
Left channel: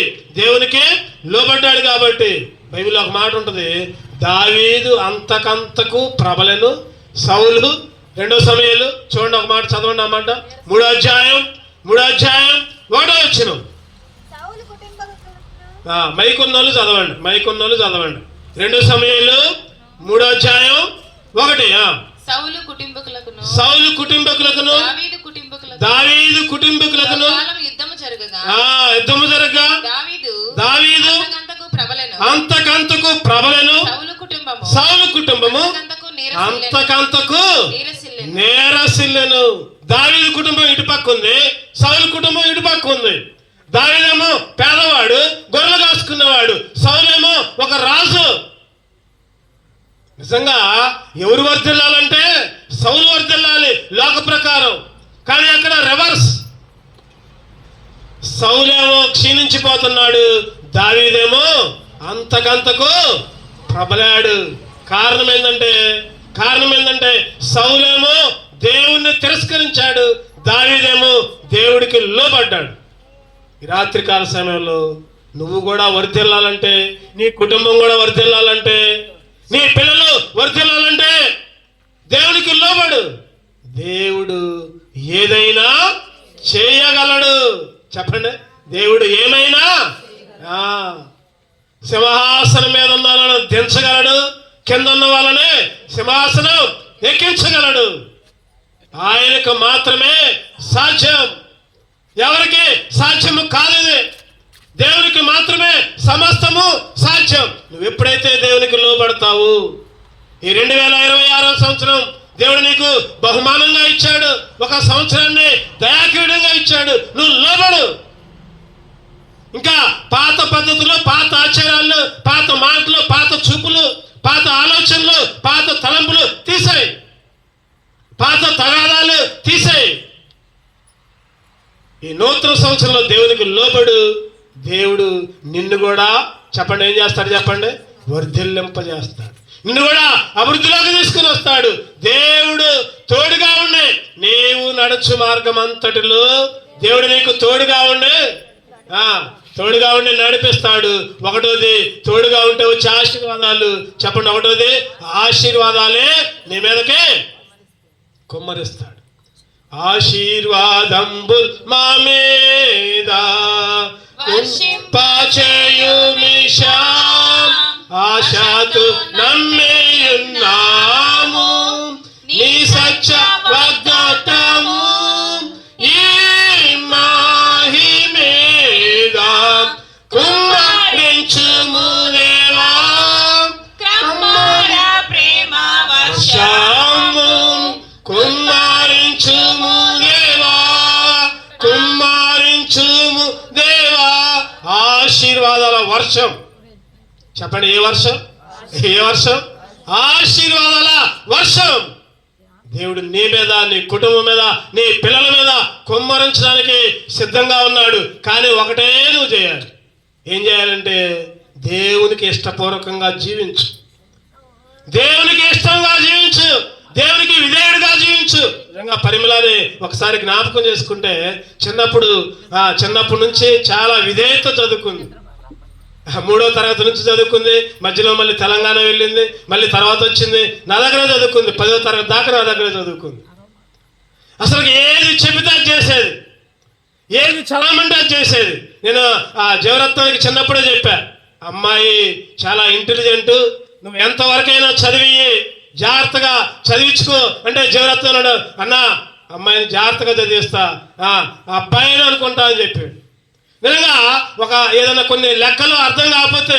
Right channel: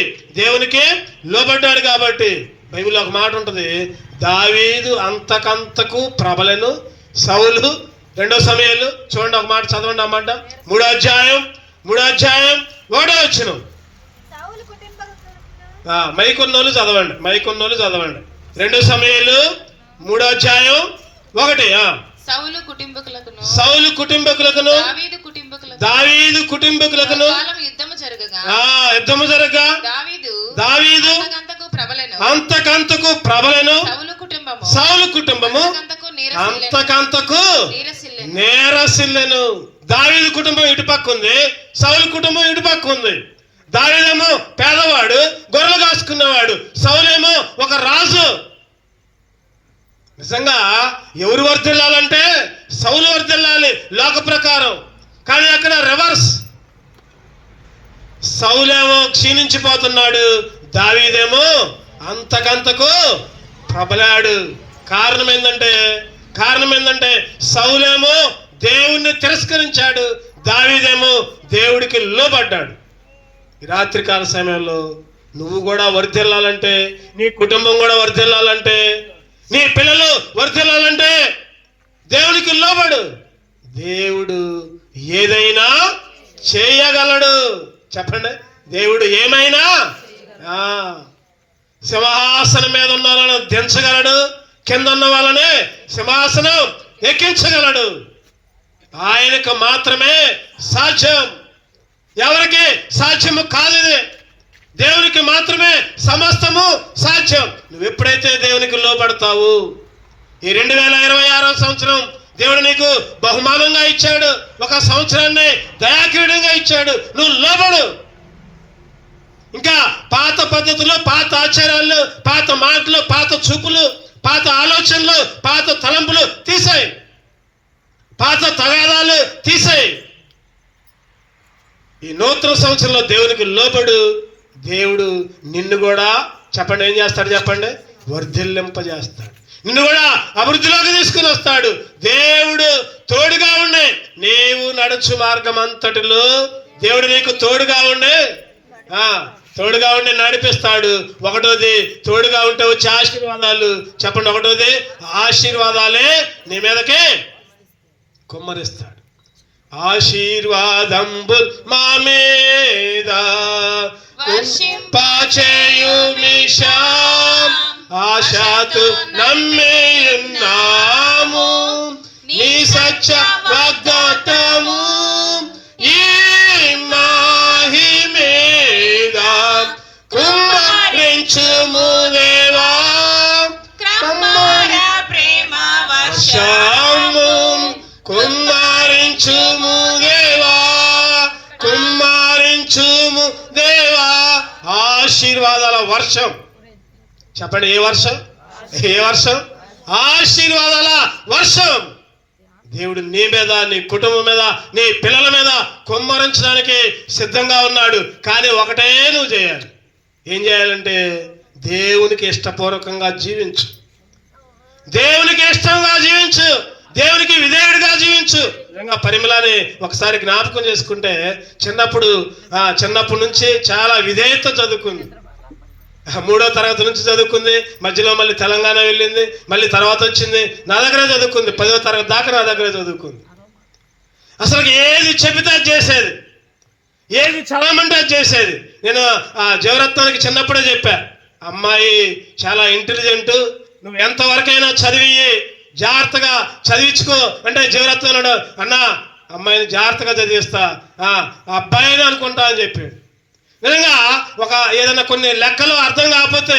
బైబిల్లో ఒక మాట ఉంటుంది, దావీదు అంతకంతకు ప్రబలెను సౌలు. 2వ సమూయేలు చూడండి, ఒక మాట చదవండి. అన్నమాట 3వ అధ్యాయం 1వ వచనం. మైకున్నోళ్ళు చదవండి. 2వ సమూయేలు 3వ అధ్యాయం 1. సౌలు కుటుంబకులకును దావీదు కుటుంబకులకును యుద్ధము జరగగా దావీదు అంతకంతకు ప్రబలెను, సౌలు కుటుంబము అంతకంతకు నేరసిల్లెను. దావీదు కుటుంబం ఇటుపక్క ఉంది, సౌలు కుటుంబం ఇటుపక్క ఉంది. దావీదేమో పేదవాడు, గొర్రెలు కాసుకున్నవాడు. సౌలేమో ఒక రాజు. నిజంగా ఎవరు వర్ధిల్లాలంటే సౌలు వర్ధిల్లాలి లోక ప్రకారం. కానీ అక్కడ రివర్స్. సౌలేమో క్షీణించిపోతున్నాడు, దావీదేమో అంతకంతకు ప్రబలాడు. కారణం ఏంటంటే సౌలేమో దేవుణ్ణి తిరస్కరించాడు, దావీదేమో దేవుడికి లోబడ్డాడు. ఈ రాత్రికాల సమయంలో నువ్వు కూడా వర్ధిల్లాలంటే, నీ కుటుంబం కూడా వర్ధిల్లాలంటే, నీ పిల్లలు వర్ధిల్లాలంటే దేవునికి లోబడు. దేవుడు ఏదైనా చేయగలడు. చెప్పండి, దేవుడు ఏమైనా. సింహాసనం మీద ఉన్న వాళ్ళని దించగలడు, కింద ఉన్న వాళ్ళని సింహాసనం ఎక్కించగలడు. ఆయనకు మాత్రమే సాధ్యం, ఎవరికి సాధ్యము కాదు. దేవునికి మాత్రమే సమస్తము సాధ్యం. నువ్వు ఎప్పుడైతే దేవునికి లోబడతావు, ఈ 2026వ సంవత్సరం దేవుడు నీకు బహుమానంగా ఇచ్చాడు, ఒక సంవత్సరాన్ని దయాక్రీడంగా ఇచ్చాడు. నువ్వు లోబడు. ఇంకా పాత పద్ధతులు, పాత ఆచారాలు, పాత మాటలు, పాత చూపులు, పాత ఆలోచనలు, పాత తలంపులు తీసేయి, పాత తగాదాలు తీసేయి. ఈ నూతన సంవత్సరంలో దేవునికి లోబడు. దేవుడు నిన్ను కూడా చెప్పండి ఏం చేస్తాడు చెప్పండి, వర్ధిల్లింపజేస్తాడు. నిన్ను కూడా అభివృద్ధిలోకి తీసుకుని వస్తాడు. దేవుడు తోడుగా ఉండే నీవు నడుచు మార్గం అంతటిలో దేవుడు నీకు తోడుగా ఉండే నడిపిస్తాడు. ఒకటోది తోడుగా ఉంటే వచ్చే ఆశీర్వాదాలు చెప్పండి. ఒకటోది ఆశీర్వాదాలే నీ మీదకి కుమ్మరిస్తాడు. ఆశీర్వాదంబు మా మీద ఆశతో నమ్మియున్నాము నీ సత్య వాగ్దానము ఈ మహిమేద కుమ్మరించుము దేవా క్రమణ ప్రేమ వర్షము కుమ్మరించుము దేవా ఆశీర్వాదాల వర్షం చెప్పండి. ఏ వర్షం? ఆశీర్వాదాల వర్షం దేవుడు నీ మీద, నీ కుటుంబం మీద, నీ పిల్లల మీద కుమ్మరించడానికి సిద్ధంగా ఉన్నాడు. కానీ ఒకటే నువ్వు చేయాలి. ఏం చేయాలంటే దేవునికి ఇష్టపూర్వకంగా జీవించు, దేవునికి ఇష్టంగా జీవించు, దేవునికి విధేయుడిగా జీవించు. నిజంగా పరిమళని ఒకసారి జ్ఞాపకం చేసుకుంటే చిన్నప్పటి నుంచి చాలా విధేయత చదువుకుంది. 3వ తరగతి నుంచి చదువుకుంది. మధ్యలో మళ్ళీ తెలంగాణ వెళ్ళింది, మళ్ళీ తర్వాత వచ్చింది నా దగ్గర చదువుకుంది. 10వ తరగతి దాకా నా దగ్గర చదువుకుంది. అసలు ఏది చెబితే అది చేసేది, ఏది చదవమంటే అది చేసేది. నేను జీవరత్నానికి చిన్నప్పుడే చెప్పా, అమ్మాయి చాలా ఇంటెలిజెంట్, నువ్వు ఎంతవరకైనా చదివి జాగ్రత్తగా చదివించుకో అంటే జీవరత్నం అన్నాడు, అన్నా అమ్మాయిని జాగ్రత్తగా చదివిస్తా, అబ్బాయిని అనుకుంటా అని చెప్పాడు. నిజంగా ఏదైనా కొన్ని లెక్కలు అర్థం కాకపోతే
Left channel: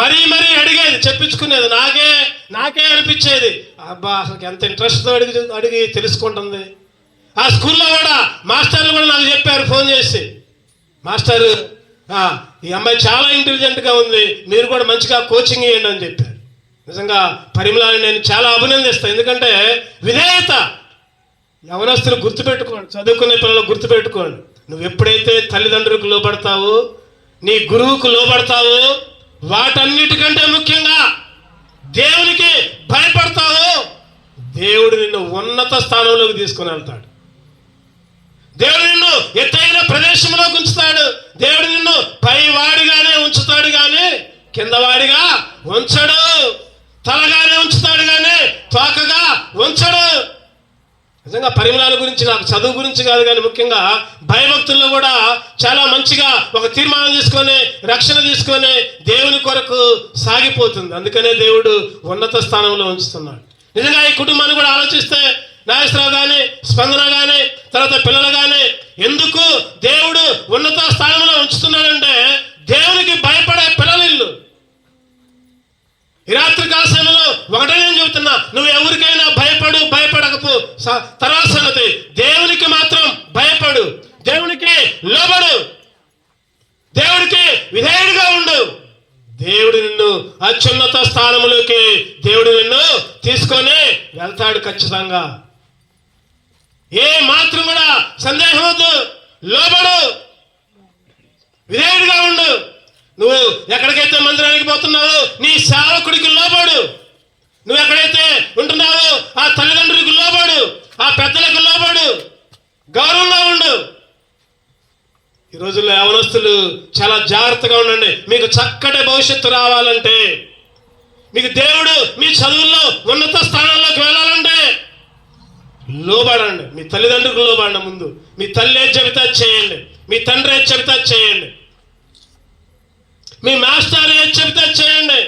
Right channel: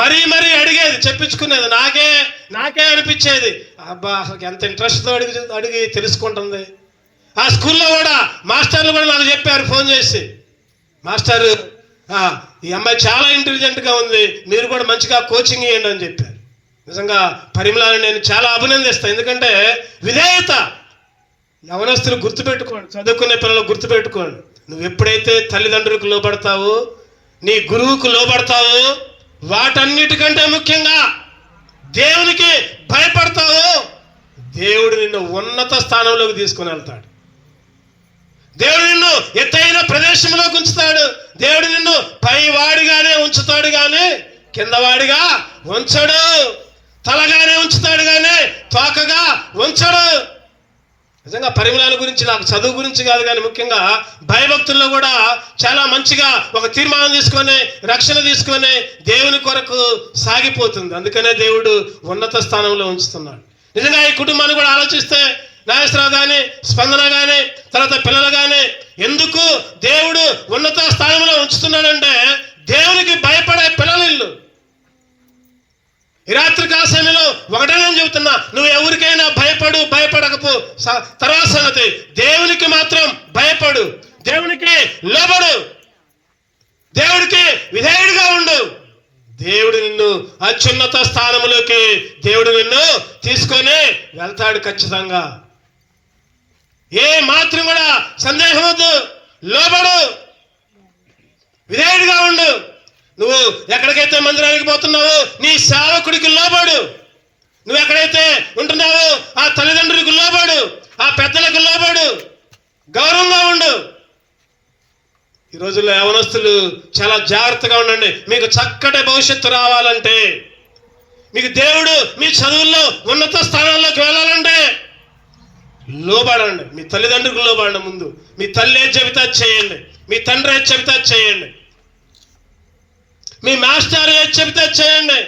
మరీ అడిగేది, చెప్పించుకునేది. నాకే అనిపించేది, అబ్బా అసలు ఎంత ఇంట్రెస్ట్తో అడిగి తెలుసుకుంటుంది. ఆ స్కూల్లో కూడా మాస్టర్లు కూడా నాకు చెప్పారు ఫోన్ చేసి, మాస్టర్ ఈ అమ్మాయి చాలా ఇంటెలిజెంట్గా ఉంది, మీరు కూడా మంచిగా కోచింగ్ ఇవ్వండి అని చెప్పారు. నిజంగా పరిమళాన్ని నేను చాలా అభినందిస్తాను. ఎందుకంటే విధేయత. యవనస్తులు గుర్తుపెట్టుకోండి, చదువుకునే పిల్లలు గుర్తుపెట్టుకోండి, నువ్వు ఎప్పుడైతే తల్లిదండ్రులకు లోబడతావో, నీ గురువుకు లోబడతావో, వాటన్నిటికంటే ముఖ్యంగా దేవునికి భయపడతావో, దేవుడు నిన్ను ఉన్నత స్థానంలోకి తీసుకుని వెళ్తాడు. దేవుడు నిన్ను ఎత్తైన ప్రదేశంలోకి ఉంచుతాడు. దేవుడు నిన్ను పైవాడిగానే ఉంచుతాడు కానీ కిందవాడిగా ఉంచడు. తలగానే ఉంచుతాడు కానీ తోకగా ఉంచడు. నిజంగా పరిమళాల గురించి, నాకు చదువు గురించి కాదు కానీ ముఖ్యంగా భయభక్తుల్లో కూడా చాలా మంచిగా ఒక తీర్మానం తీసుకొని, రక్షణ తీసుకొని దేవుని కొరకు సాగిపోతుంది. అందుకనే దేవుడు ఉన్నత స్థానంలో ఉంచుతున్నాడు. నిజంగా ఈ కుటుంబాన్ని కూడా ఆలోచిస్తే, నాగేశ్వరరావు కానీ, స్పందన కానీ, తర్వాత పిల్లలు కానీ ఎందుకు దేవుడు ఉన్నత స్థానంలో ఉంచుతున్నాడంటే దేవునికి భయపడే పిల్లలు. ఈ రాత్రి కాల సమయంలో ఒకటే నేను చెబుతున్నా, నువ్వు ఎవరికైనా భయపడకపో. తర్వాత సంగతి, దేవునికి మాత్రం భయపడు, దేవునికి లోబడు, దేవుడికి విధేయుడిగా ఉండు. దేవుడు నిన్ను అత్యున్నత స్థానంలోకి దేవుడు నిన్ను తీసుకొని వెళ్తాడు ఖచ్చితంగా. ఏ మాత్రం కూడా సందేహం వద్దు. లోబడు, విధేయుడిగా ఉండు. నువ్వు ఎక్కడికైతే మందిరానికి పోతున్నావో నీ సేవకుడికి లోబడు. నువ్వు ఎక్కడైతే ఉంటున్నావో ఆ తల్లిదండ్రులకు లోబడు, ఆ పెద్దలకు లోబడు, గౌరవంగా ఉండు. ఈ రోజుల్లో యవనస్తులు చాలా జాగ్రత్తగా ఉండండి. మీకు చక్కటి భవిష్యత్తు రావాలంటే, మీకు దేవుడు మీ చదువుల్లో ఉన్నత స్థానాల్లోకి వెళ్ళాలంటే లోబడండి. మీ తల్లిదండ్రులకు లోబడండి. ముందు మీ తల్లి ఏది చెబితే చేయండి, మీ తండ్రి ఏది చెబితే చేయండి, మీ మాస్టర్ ఏది చెబితే చేయండి,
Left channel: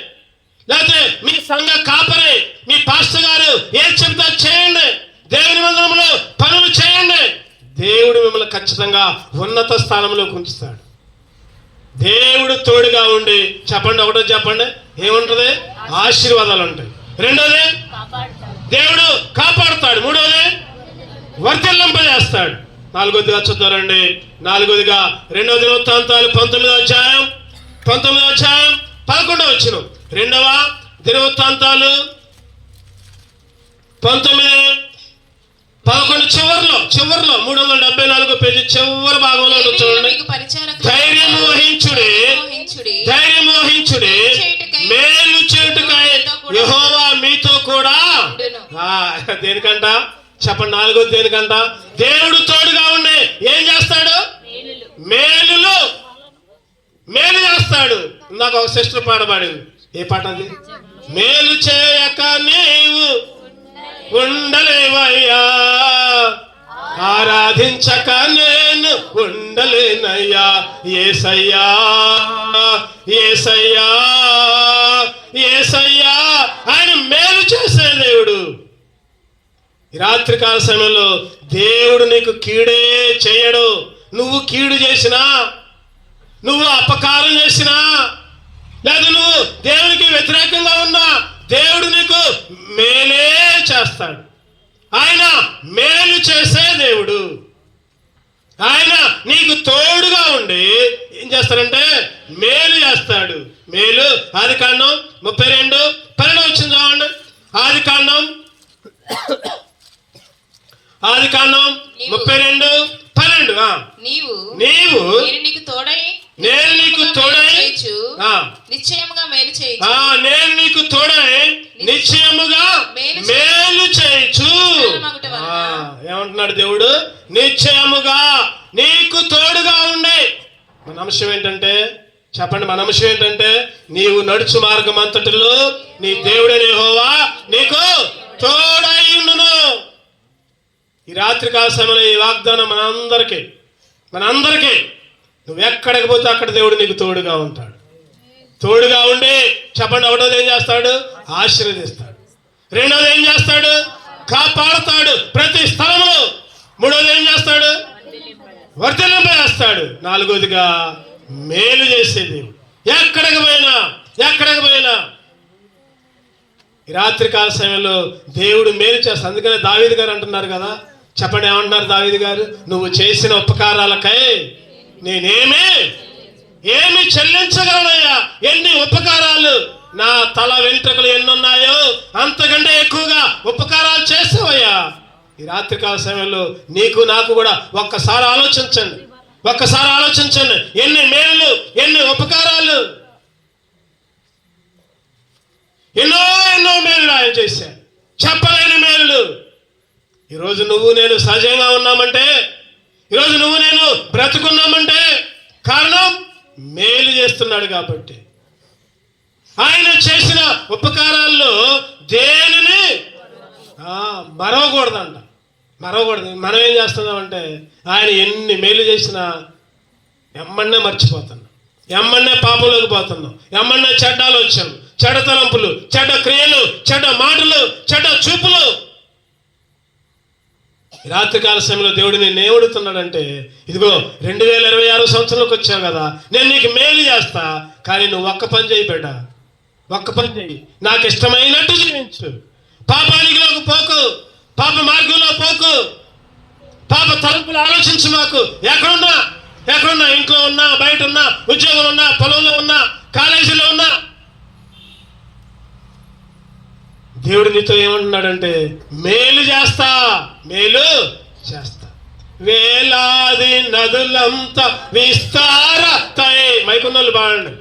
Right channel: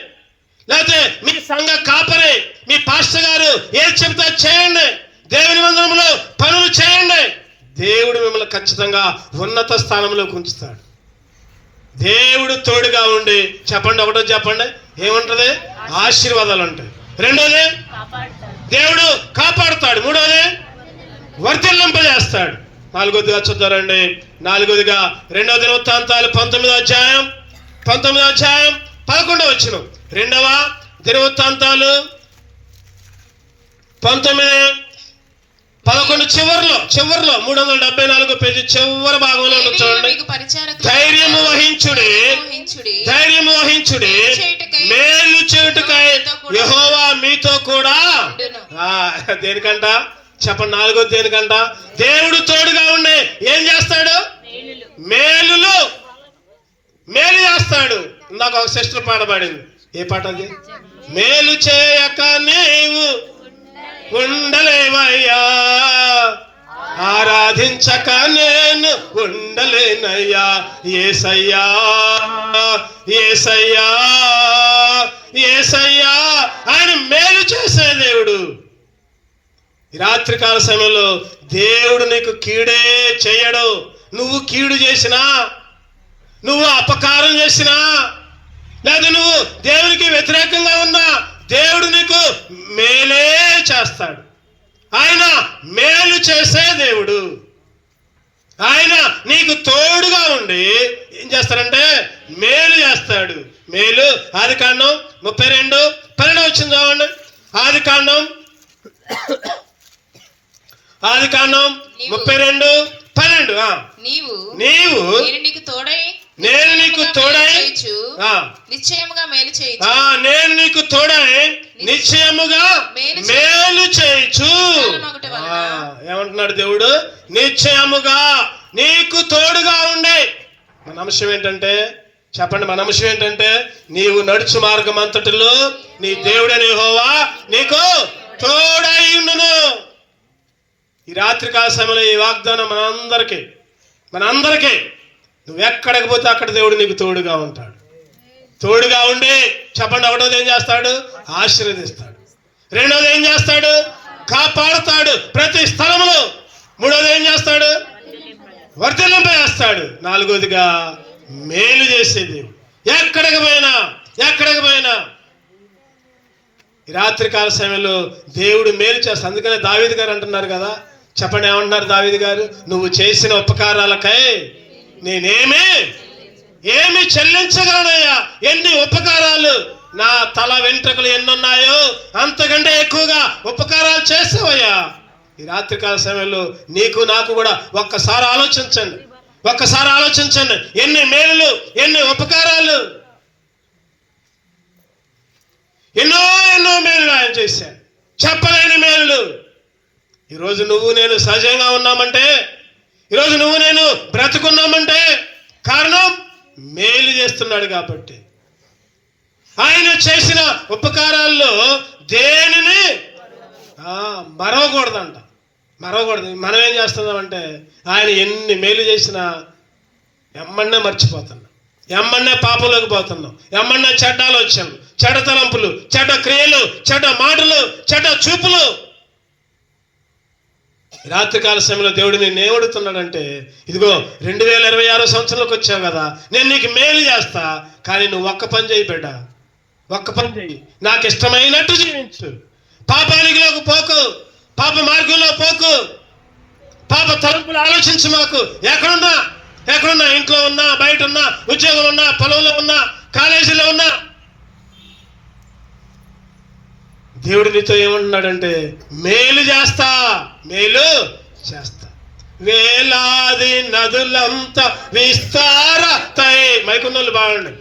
లేకపోతే మీ సంఘ కాపరి, మీ పాస్టర్ గారు ఏది చెబితే చేయండి. దేవుని మందిరంలో పనులు చేయండి. దేవుడు మిమ్మల్ని ఖచ్చితంగా ఉన్నత స్థానంలోకి ఉంచుతాడు. దేవుడు తోడుగా ఉండి చెప్పండి. ఒకటో చెప్పండి, ఏముంటది? ఆశీర్వాదాలు ఉంటాయి. రెండోది దేవుడు కాపాడుతాడు. మూడోది వర్ధిల్లింపజేస్తాడు. నాలుగోదిగా చూద్దారండి. నాలుగోదిగా 2వ దినవృత్తాంతాలు 19వ అధ్యాయం 11వ వచనం. 2వ దినవృత్తాంతాలు 19 11 చివర్లో 374 పేజీ చివరి భాగంలో ఉంటుంది చూడండి. మీకు పరిచారకులు ధైర్యము వహించుడి, ధైర్యము వహించుడి, మేలు చేయుటకై యెహోవా మీతో కూడా. దేనికంట చెప్పండి, 4వ దేనికంట? దేవుడు తోడుగా ఉండి ఏం చేస్తాడు? మేలు చేస్తాడు. నాకు ఒక సిస్టర్ పాడబడింది. ఏ పాట అది? మేలు చేయక నీవు ఉండలేవయ్యా, ఆరాధించక నేను ఉండలేనయ్యా, యేసయ్యా యేసయ్యా యేసయ్యా. ఆయన మేలు చేసే దేవుడు. ఈ రాత్రికాల సమయంలో దేవుడు నీకు కీడే చేయడు. నువ్వు కీడు చేసినా, నువ్వు అపకారం చేసినా, లేదా నువ్వు దేవునికి వ్యతిరేకంగా ఉన్నా, దేవుడు నీకు మేలే చేస్తాడు. ఆయన మేలు చేసే దేవుడు. ఆయన నీకు తోడుగా ఉండి ఏం చేస్తాడంటే మేలు చేస్తాడు. మేలు. ఆదికాండం 32:12 వచ్చింది చూడండి. ఆదికాండం 32:12. నీవు నేను నీకు తోడై నిశ్చయముగా మేలు చేయొచ్చు. నేను నీకు తోడై నిశ్చయముగా మేలు చేయొచ్చు. ఏమంటున్నాడు దేవుడు? నిశ్చయముగా నీకు తోడుగా ఉండే. మన అంశం ఏంటంటే చెప్పండి, మన అంశం ఏంటంటే నీవు నడుచు మార్గం అంతటిలో నీ దేవుడైన యెహోవా నీకు తోడై ఉండును. ఈ రాత్రికాల సమయంలో ఈ వాగ్దానం మనందరికీ నువ్వు ఎక్కడికి పోతే అక్కడ దేవుడు నీకు తోడుగా ఉంటాడు. తోడుగా ఉండి చెప్పండి, ఒకటోది ఏం చేస్తాడు? ఆశీర్వదిస్తాడు. రెండోది ఏం చేస్తాడు? కాపాడుతాడు ప్రతి స్థలంలో. మూడోది ఏం చేస్తాడు? వర్ధలింపజేస్తాడు. నాలుగోదిగా మేలు చేసేది. ఎక్కడికి పోయినా ఈ రాత్రికాల సమయంలో దేవుడు మేలు చేస్తాడు. అందుకనే దావీదు గారు అంటున్నారు కదా, చెప్పండి ఏమంటున్నారు దావీదు గారు? నువ్వు చేసిన ఉపకారాలకై ఏమి చెల్లించగలనయ్యా? ఎన్ని ఉపకారాలు, నా తల వెంట్రుకలు ఎన్నున్నాయో అంతకంటే ఎక్కువగా ఉపకారాలు చేస్తావయ్యా. ఈ రాత్రికాల సమయంలో నీకు నాకు కూడా ఒక్కసారి ఆలోచించండి. ఎన్ని మేలులు, ఎన్ని ఉపకారాలు, ఎన్నో మేలులు ఆయన చేశాడు. చెప్పలేని మేలులు. ఈరోజు నువ్వు నేను సజీవంగా ఉన్నామంటే, ఈరోజు నువ్వు నేను బ్రతుకున్నామంటే కారణం మేలు చేస్తున్నాడు కాబట్టి. ఆయన చేసిన ఉపకారాల్లో దేనిని మరవకూడదు. మనం ఏం చేస్తున్నామంటే ఆయన ఎన్ని మేలు చేసినా ఎమ్మన్నే మర్చిపోతున్నాం, ఎమ్మన్నే పాపంలోకి పోతున్నాం, ఎమ్మన్నే చెడ్డాలు వచ్చాం, చెడ్డ తలంపులు, చెడ్డ క్రియలు, చెడ్డ మాటలు, చెడ్డ చూపులు. రాత్రికాల సమయంలో దేవుడు నేను ఏమడుతున్నాడంటే, ఇదిగో 2026 సంవత్సరంలోకి వచ్చావు కదా, నేను నీకు మేలు చేస్తా, కానీ నువ్వు ఒక్క పని చేయి బిడ్డ, ఒక్క పని చేయి. నాకు ఇష్టమైనట్టు జీవించు. పాపానికిలోకి పోకు, పాప మార్గంలో పోకు, పాప తలంపులు ఆలోచించు. మాకు ఎక్కడున్నా ఇంట్లో ఉన్నా, బయట ఉన్నా, ఉద్యోగంలో ఉన్నా, పొలంలో ఉన్నా, కాలేజీలో ఉన్నా, దేవుడు నీతో ఏమంటున్నాడంటే మేలు చేస్తా. వేలాది నదులంతా విస్తారతై, మైకున్నోళ్ళు బాగండి.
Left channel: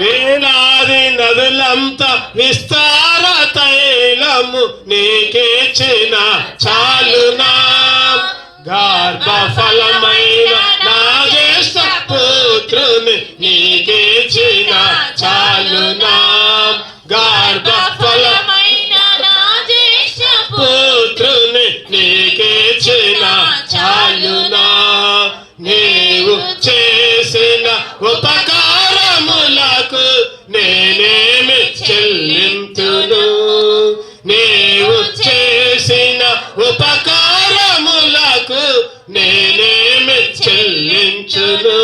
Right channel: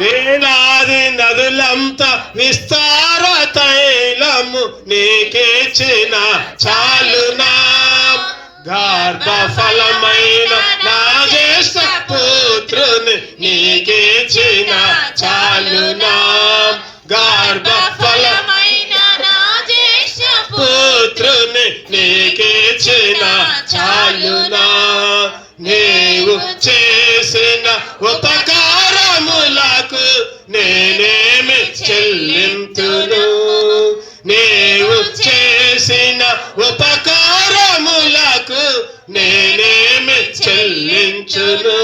వేలాది నదులంతా విస్తారతైలము నీకిచ్చిన చాలునా, గర్భఫలమైన నా జ్యేష్ఠ పుత్రుని నీకిచ్చిన చాలునా, గర్భఫలమైన నా జ్యేష్ఠ పుత్రుని నీకిచ్చిన చాలునా. నీవు చేసిన ఉపకారములకు నేనేమి చెల్లింతును, నీవు చేసిన ఉపకారములకు నేనేమి చెల్లించును.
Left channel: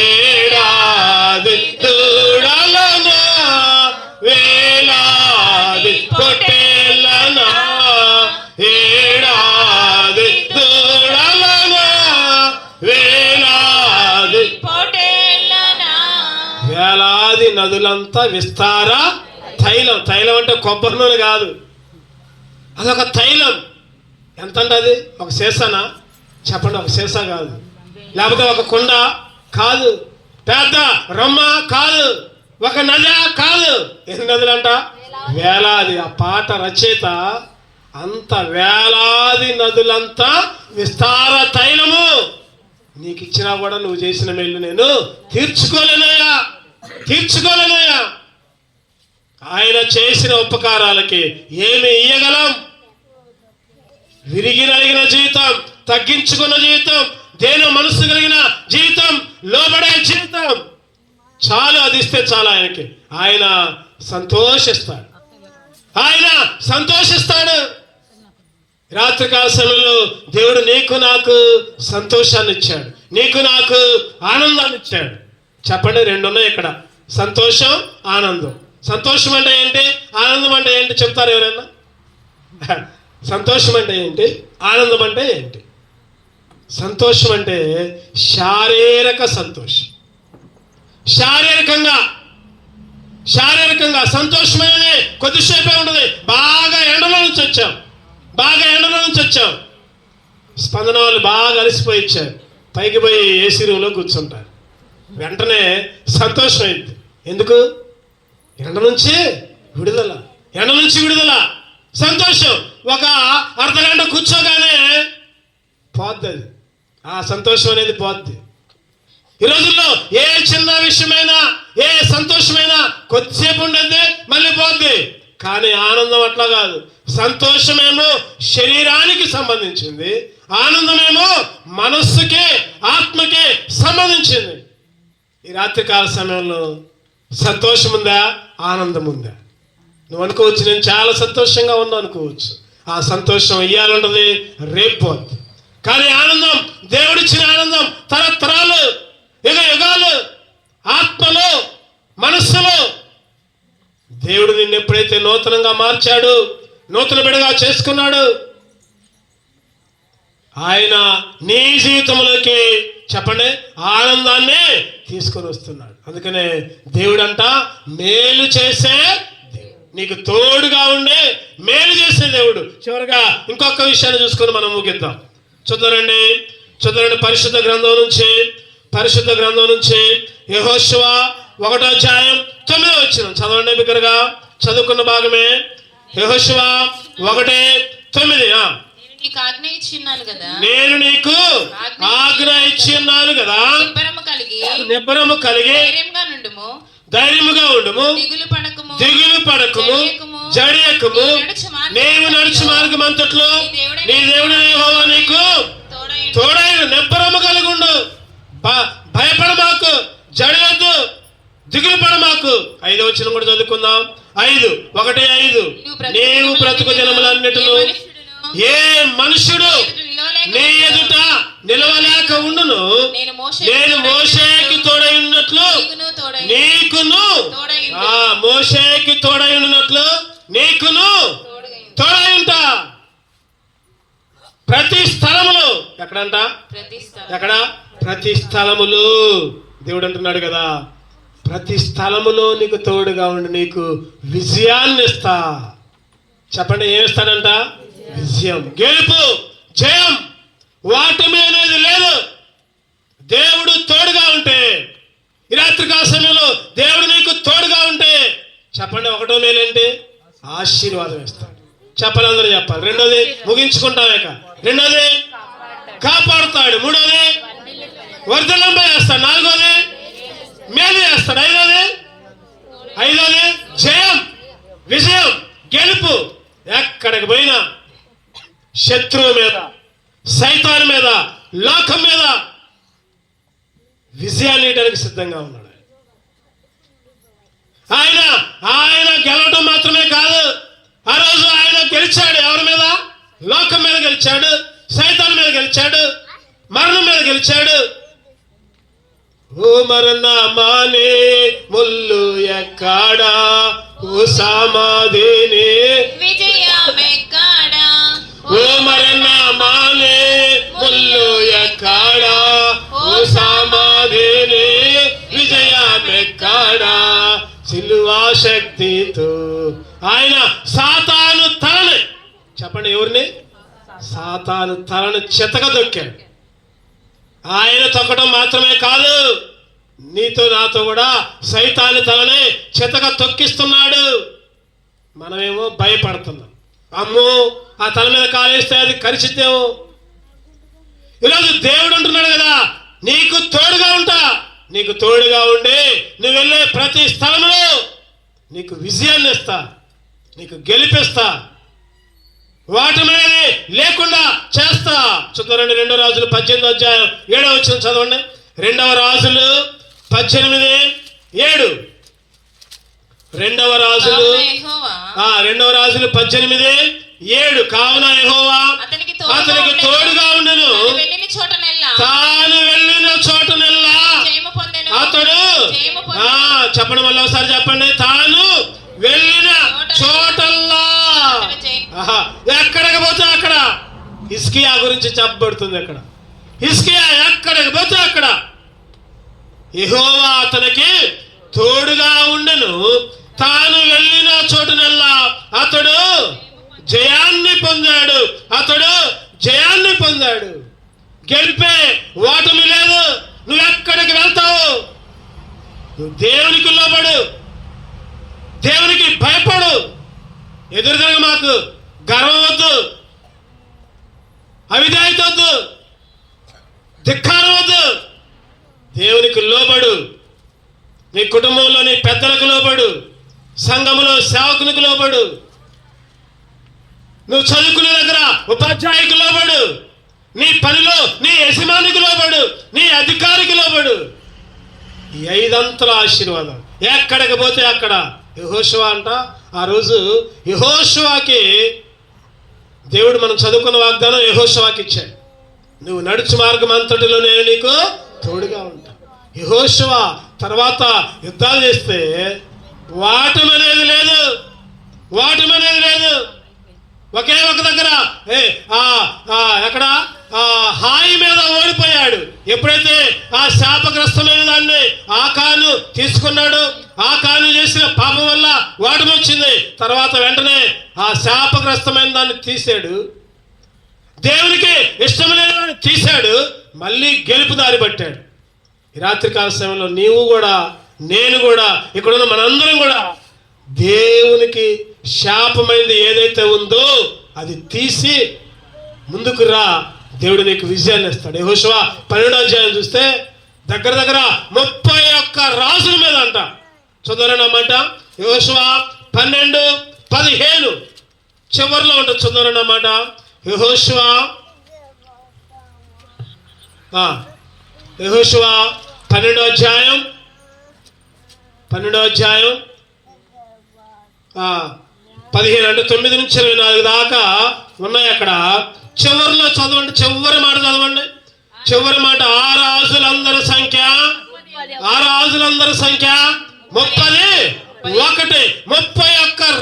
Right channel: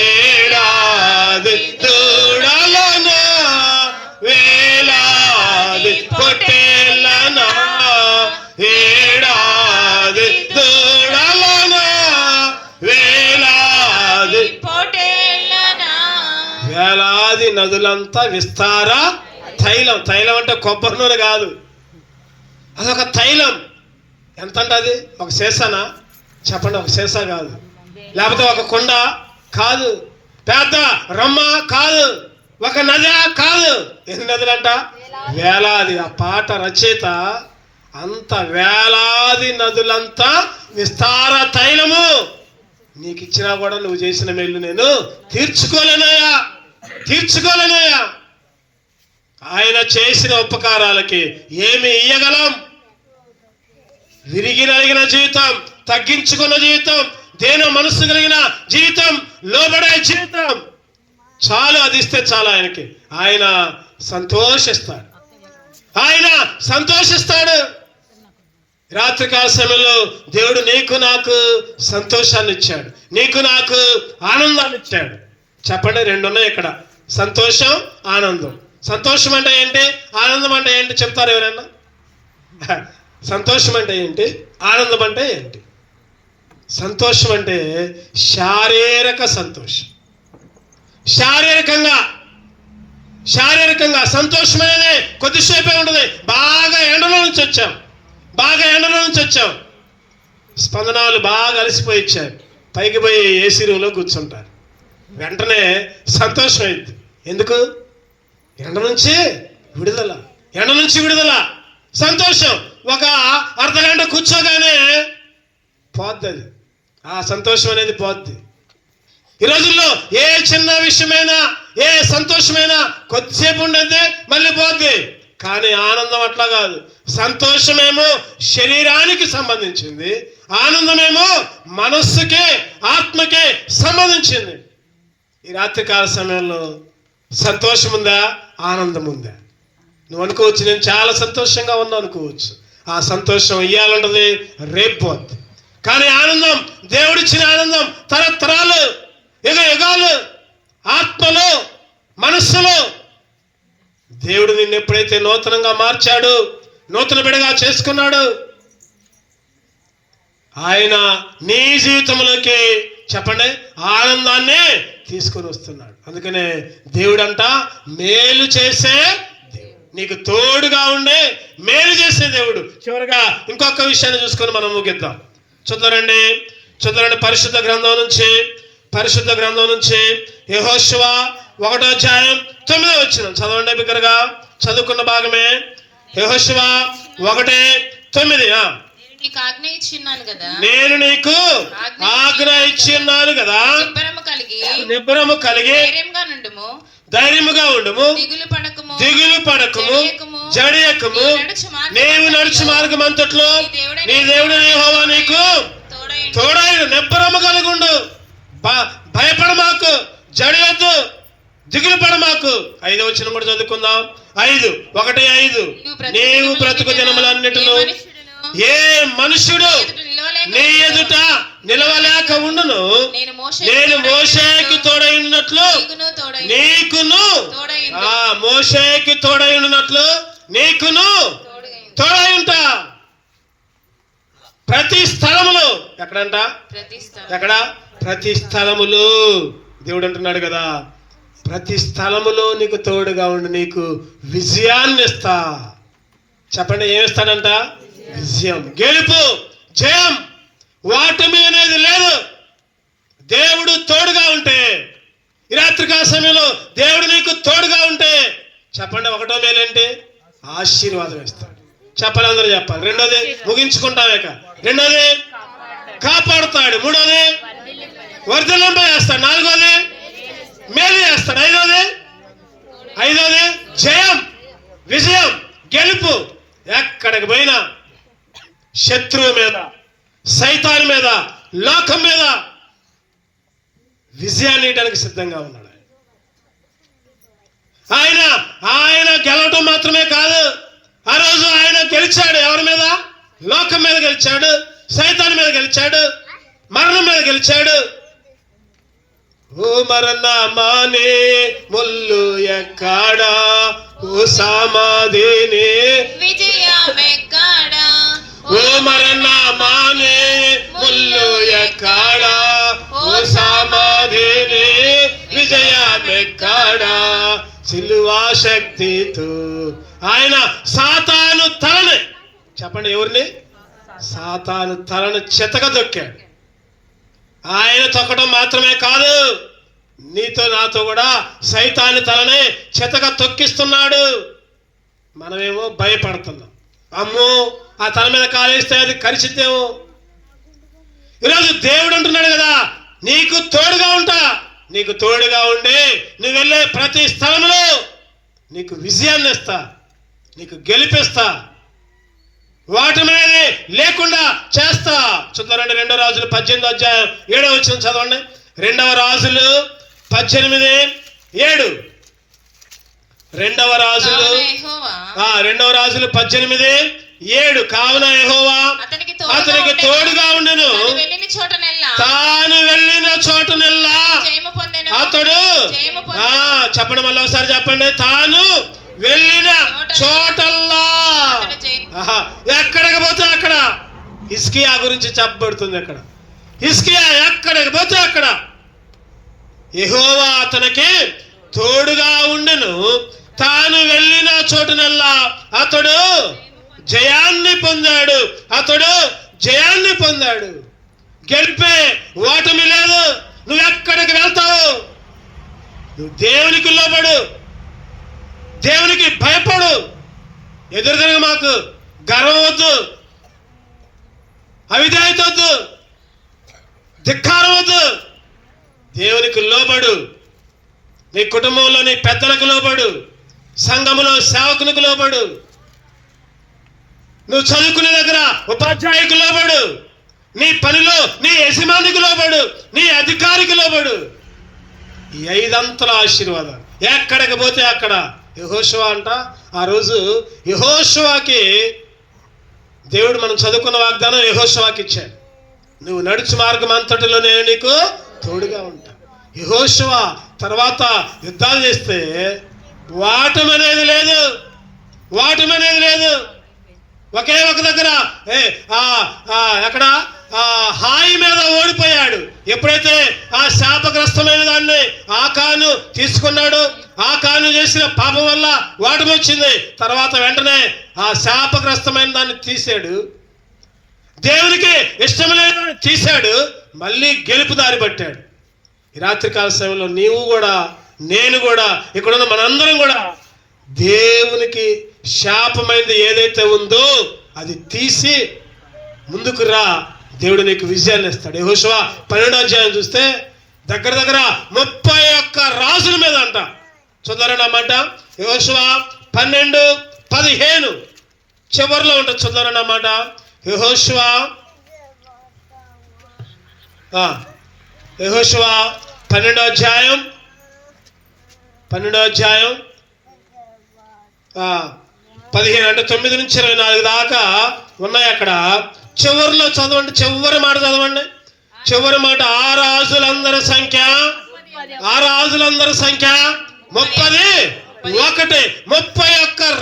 ఏడాది దూడలనా, వేలాది పొట్టేళ్ళనా, ఏడాది దూడలనా, వేలాది పొట్టేళ్ళనా. వేలాది నదులంతా విస్తార తైలం. తైలం అంటే కొబ్బరి నూనె కాదు, అదొక తైలం. ఎంత అంటే అది ఒక సీసానా? చెప్పండి, ఒక సీసా కాదు. లేకపోతే ఒక కుండ కాదు. పెద్ద రొమ్మ కాదు. ఒక నది కాదు. ఎన్ని నదులంట? వేలాది. ఆ పాట రచయిత అంత వేలాది నదులంతా విస్తార తైలము నీకు ఇచ్చినా కూడా నువ్వు చేసిన మేలు నేను తీర్చుకోలేనయ్యా. ఆయన చేసిన ఉపకారాలకి ఏమి ఇయ్యగలం? విరిగి నలిగిన జీవితం, తగ్గించుకున్న జీవితం, దేని మనసు కలిగిన జీవితం, లోబడే జీవితం చాలు. అది ఇస్తే చాలు ఆయనకి. ఆయన సంతోషిస్తాడు. రాత్రికాల సమయంలో దేవుడు నీకు నాకు సంతోషాన్ని ఇచ్చాడు, నీకు నాకు ఆనందాన్ని ఇచ్చాడు. చెప్పండి, రెండు ఉన్నాయి ఇక్కడ, సంతోషం, ఆనందం. సంతోషం అంటే ఏంటి? ఆనందం అంటే ఏంటి? చెప్తారు ఎవరైనా? సంతోషం అంటే ఏంటి? ఆనందం అంటే ఏంటి? సంతోషం అంటే శారీరక సంతోషం. శారీరకంగా సంతోషం అనేది కొద్దిసేపే ఉంటుంది. బాగా ఎండలో నుంచి వచ్చాం, స్పందనాలు బాగా అలసిపోయి ఇచ్చారు, పైకి పోయి ఏసీ రూమ్లో కూర్చుంటారు, వెంటనే సంతోషం అయింది. ఎందుకు? ఎండ నుంచి విడుదల, సంతోషం. ఒక అర్ధగంట కూర్చోగానే పోద్ది అది, ఆ సంతోషం అనేది పోద్ది. ఈ రోజుల్లో ఏ చిన్న విషయమైనా, ఏ సంతోషమైనా కొద్దిసేపు ఉండద్ది, మళ్ళీ పోద్ది. కానీ ఆనందం అట్లా కాదు. సంతోషమేమో శరీరానికి సంబంధించింది, ఆనందమేమో మనస్సుకే, ఆత్మకే సంబంధించింది. ఈ రాత్రికాల సమయంలో సంతోషం ఉందా? ఆనందం ఉందా? నువ్వు అనుకోవచ్చు, నేను చాలా సంతోషంగా ఉన్నా అనుకోవచ్చు. ఆ సంతోషం ఇయ్యాలంటది, రేపు పోద్ది. కానీ ఆనందం, దేవుడిచ్చిన ఆనందం తరతరాలు, యుగాలు, ఆత్మలో, మనస్సులో. దేవుడు నిన్ను ఎప్పుడైతే నూతనంగా మార్చాడు, నూతన బిడ్డగా చేసుకున్నాడు, ఆయన నీ జీవితంలోకి చెప్పండి ఆనందాన్ని తీసుకొని వస్తున్నాడు. అందుకనే దేవుడంట మేలు చేసే దేవుడు, నీకు తోడుగా ఉండే మేలు చేసే దేవుడు. చివరిగా ఇంకొక విషయాన్ని చూసుకొని మనం ముగిద్దాం. చూద్దారండి పరిశుద్ధ గ్రంథం నుంచి యెహోషువ 1వ అధ్యాయం 9వ వచనం చదవండి. బిగ్గరగా చదువుకున్న భాగమే. యెహోషువ 1:9. నేను నీకు ఆజ్ఞ ఇచ్చిన్నాను కదా, నిబ్బరము కలిగి ధైర్యముగా ఉండుము, దిగులు పడకము, జడియకము. నీవు నడుచు మార్గం అంతట్లో నీ దేవుడు యెహోవా నీకు తోడైన. నిబ్బరము కలిగి ఉండు, భయపడమాకు, జడియొద్దు, దిగులు పడమాకు. 5వ వచనం కూడా చదువుకుందాం. 1:5. నీవు బ్రతుకు దినములన్నిటిలో ఏ మనుషుడు నీ ఎదుట నిలవలేక ఉండును, నేను మోషేకి తోడై ఉన్నట్లు నీకును, మోషేకి తోడై ఉన్నట్లు నీకును తోడై ఉంటా. ప్రతి స్థలములో, ఎక్కడంట? ప్రతి స్థలములో దేవుడు అంటున్నాడు కదా, ప్రతి స్థలములో నీకు తోడుగా ఉండి నీకు విజయాన్ని ఇస్తా. చెప్పండి, ఏమిస్తాడంట? విజయం, గెలుపు, జయం. వాటమి అనేది లేదు. దేవుడు తోడుగా ఉంటే, ఈ రాత్రికాల సమయంలో దేవుడు నీకు తోడుగా ఉంటే చెప్పండి, 1వ మేలు ఏంటి? ఆశీర్వాదం ఇస్తాడు. చెప్పాలి, అందరూ చెప్పాలి. 2వది ముగించుకుంటామేక. 2వది కాపాడుతాడు. 3వది వర్ధలంపై వేస్తాడు. 4వది మేలు చేస్తాడు. 5వది జయం, విజయం, గెలుపు. ఎక్కడికి పోయినా శత్రువు మీద, సైతాన్ మీద, లోకం మీద విజయాన్ని ఇవ్వడానికి సిద్ధంగా ఉన్నాడు. ఆయన గెలవడం మాత్రమే కాదు, ఆ రోజు ఆయన గెలిచాడు. ఎవరి మీద? లోకం మీద గెలిచాడు, సైతాన్ మీద గెలిచాడు, మరణం మీద గెలిచాడు. ఓ మరణమానే ముల్లు ఎక్కడా, ఓ సమాధిని విజయమెక్కడా. ఓ మరణమానే ముల్లు ఎక్కడా, ఓ సమాధిని విజయమెక్కడా. సిలువా శక్తితో ఆయన సాతాను తలని, చెప్పండి ఎవరిని? సాతాను తలను చితక తొక్కాడు. ఆయన తొక్కడం మాత్రమే కాదు, నీతో నాతో కూడా సైతాను తలని చితక తొక్కిస్తున్నాడు. మనమేమో భయపడుతున్నాం, అమ్మో ఆ తల మీద కాలేస్తే అది కరిచిద్దేమో. ఈరోజు దేవుడు అంటున్నాడు కదా, నీకు తోడుగా ఉంటా, నీకు తోడుగా ఉండి నువ్వు వెళ్ళే ప్రతి స్థలంలో నీకు విజయాన్ని ఇస్తా, నీకు గెలిపిస్తా, వాటమనేది లేకుండా చేస్తా. చదవండి 2 రాజులు 18వ అధ్యాయం 7వ వచనం చదవండి. 2 రాజులు 18:7. 2 రాజులు 18:7. కావున యెహోవా అతనికి తోడుగా ఉండెను, తాను వెళ్ళిన చోటనెల్లా అతడు చెప్పడం వల్ల ఒకసారి చెప్పండి. తాను వెళ్ళిన చోటల్లా, ఎక్కడికి పోతే అక్కడ హిజ్కియా గురించి చెప్పబడుతుంది. అక్కడ హిజ్కియా ఎక్కడికి పోతే అక్కడ యెహోవా అతనికి తోడుగా ఉండెను, తాను వెళ్ళిన చోటునెల్లా అతడు జయాన్ని పొందాడు. అతడు జయాన్ని పొందాడు. గెలిపే ఓటమి లేదు. నువ్వు ఎక్కడికి వెళ్తావు, నువ్వు దేవునికి లోబడు, దేవునికి భయపడు. ఎదురుగా మాకు గర్వం వద్దు, అవిధేయత వద్దు, ధిక్కారం వద్దు. దేవునికి లోబడు. నీ కుటుంబంలో నీ పెద్దలకు లోబడు, సంఘములో సేవకునికి లోబడు, నువ్వు చదువుకునే దగ్గర ఉపాధ్యాయునికి లోబడు, నీ పనిలో నీ యజమానికి లోబడు, నీ అధికారికి లోబడు. ఈ 5 అంతల ఆశీర్వాదం ఎక్కడికి పోతే అక్కడ. యెహోషువ అంట, ఆ రోజు యెహోషువకి దేవుడు మనం చదువుకున్న వాగ్దానం యెహోషువకి ఇచ్చాడు. నువ్వు నడుచు మార్గం అంతటిలో నేను నీకు తోడుగా ఉంటా. యెహోషువ తర్వాత యుద్ధాలు చేస్తే వాటమనేది లేదు, వాటమనేది లేదు. ఒకే ఒక దగ్గర ఎక్కడ హాయి మీద ఓడిపోయాడు. ఎప్పుడైతే ఆ శాపగ్రస్తమైన దాన్ని ఆకాను తీసుకున్నాడు, ఆకాను చేసిన పాపం వల్ల ఓటమి వచ్చింది. తర్వాత వెంటనే ఆ శాపగ్రస్తమైన దాన్ని తీసాడు, దేవునికి ఇష్టం లేదని తీశాడు, మళ్ళీ గెలుపు దారి పట్టాడు. ఈ రాత్రికాల సమయంలో నీవు కూడా, నేను కూడా, ఇక్కడున్న మనందరం కూడా దేవునికి శాపమైనది ఏదైతే ఉందో అది తీసి ముందుకు రా, దేవుడు నీకు విజయాన్ని ఇస్తాడు. యెహోషువ 12వ అధ్యాయం చూస్తే దగ్గర 31 రాజుల మీద అంట. చూద్దారని అన్నమాట. యెహోషువ 12:15 చివరిలో ఉంటుంది. చూద్దారని అన్నమాట. యెహోషువ 12వ అధ్యాయం 15 అంటే 9 నుంచి 24 దాకా ఉన్నాయి అక్కడ. చివరిలో చదవండి, చివరి మాట చదవండి. చివరి మాట, ఆ రాజులందరి సంఖ్య 31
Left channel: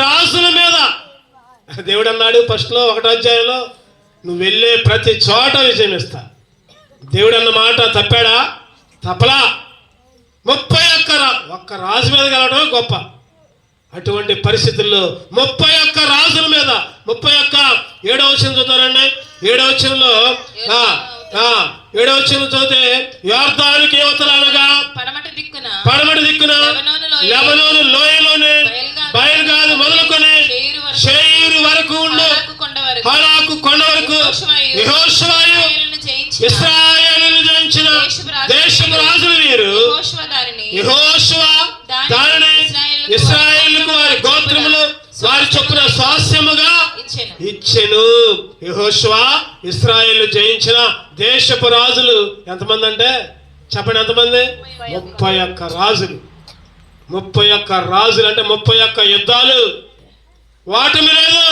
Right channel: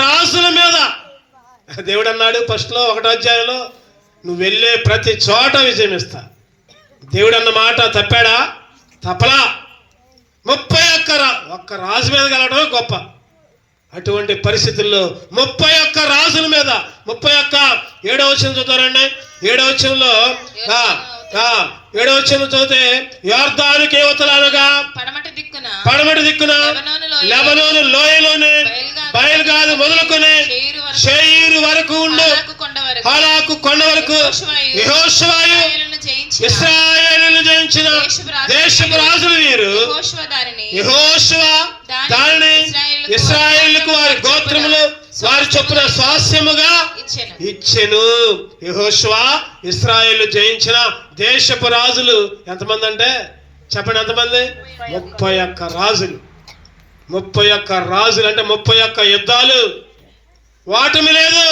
రాజుల మీద దేవుడు అన్నాడు ఫస్ట్ లో 1వ అధ్యాయంలో, నువ్వు వెళ్ళే ప్రతి చోట విజయం ఇస్తా. దేవుడు అన్న మాట తప్పాడా? తప్పలా. 31 రాజు మీద కలవడం గొప్ప. అటువంటి పరిస్థితుల్లో 31 రాజుల మీద 7వ వచనం చదువుతారండి. 7వ వచనంలో 7వ వచనం చదివితే, యోర్దానుకి యువతలనగా పడమటి దిక్కున లెబనోను లోయలోనే బయలుగాదు మొదలుకొని షేరు వరకు ఉండు హాలాకు కొండ వరకు యెహోషువయు ఇశ్రాయేలును జయించిన దేశపు రాజులు వీరు. యెహోషువ దానిని ఇశ్రాయేలుకు వారి గోత్రములు వారి చొప్పున స్వాస్యముగా ఇచ్చెను. యెహోషువ ఇశ్రాయేలు జయించిన దేశపు రాజులు ఎంతమంది అంటే చెప్పండి, ఎంతమంది? 31 రాజులు. 31 రాజులు అంటే 31 యుద్ధాలు. వాటమి లేదు,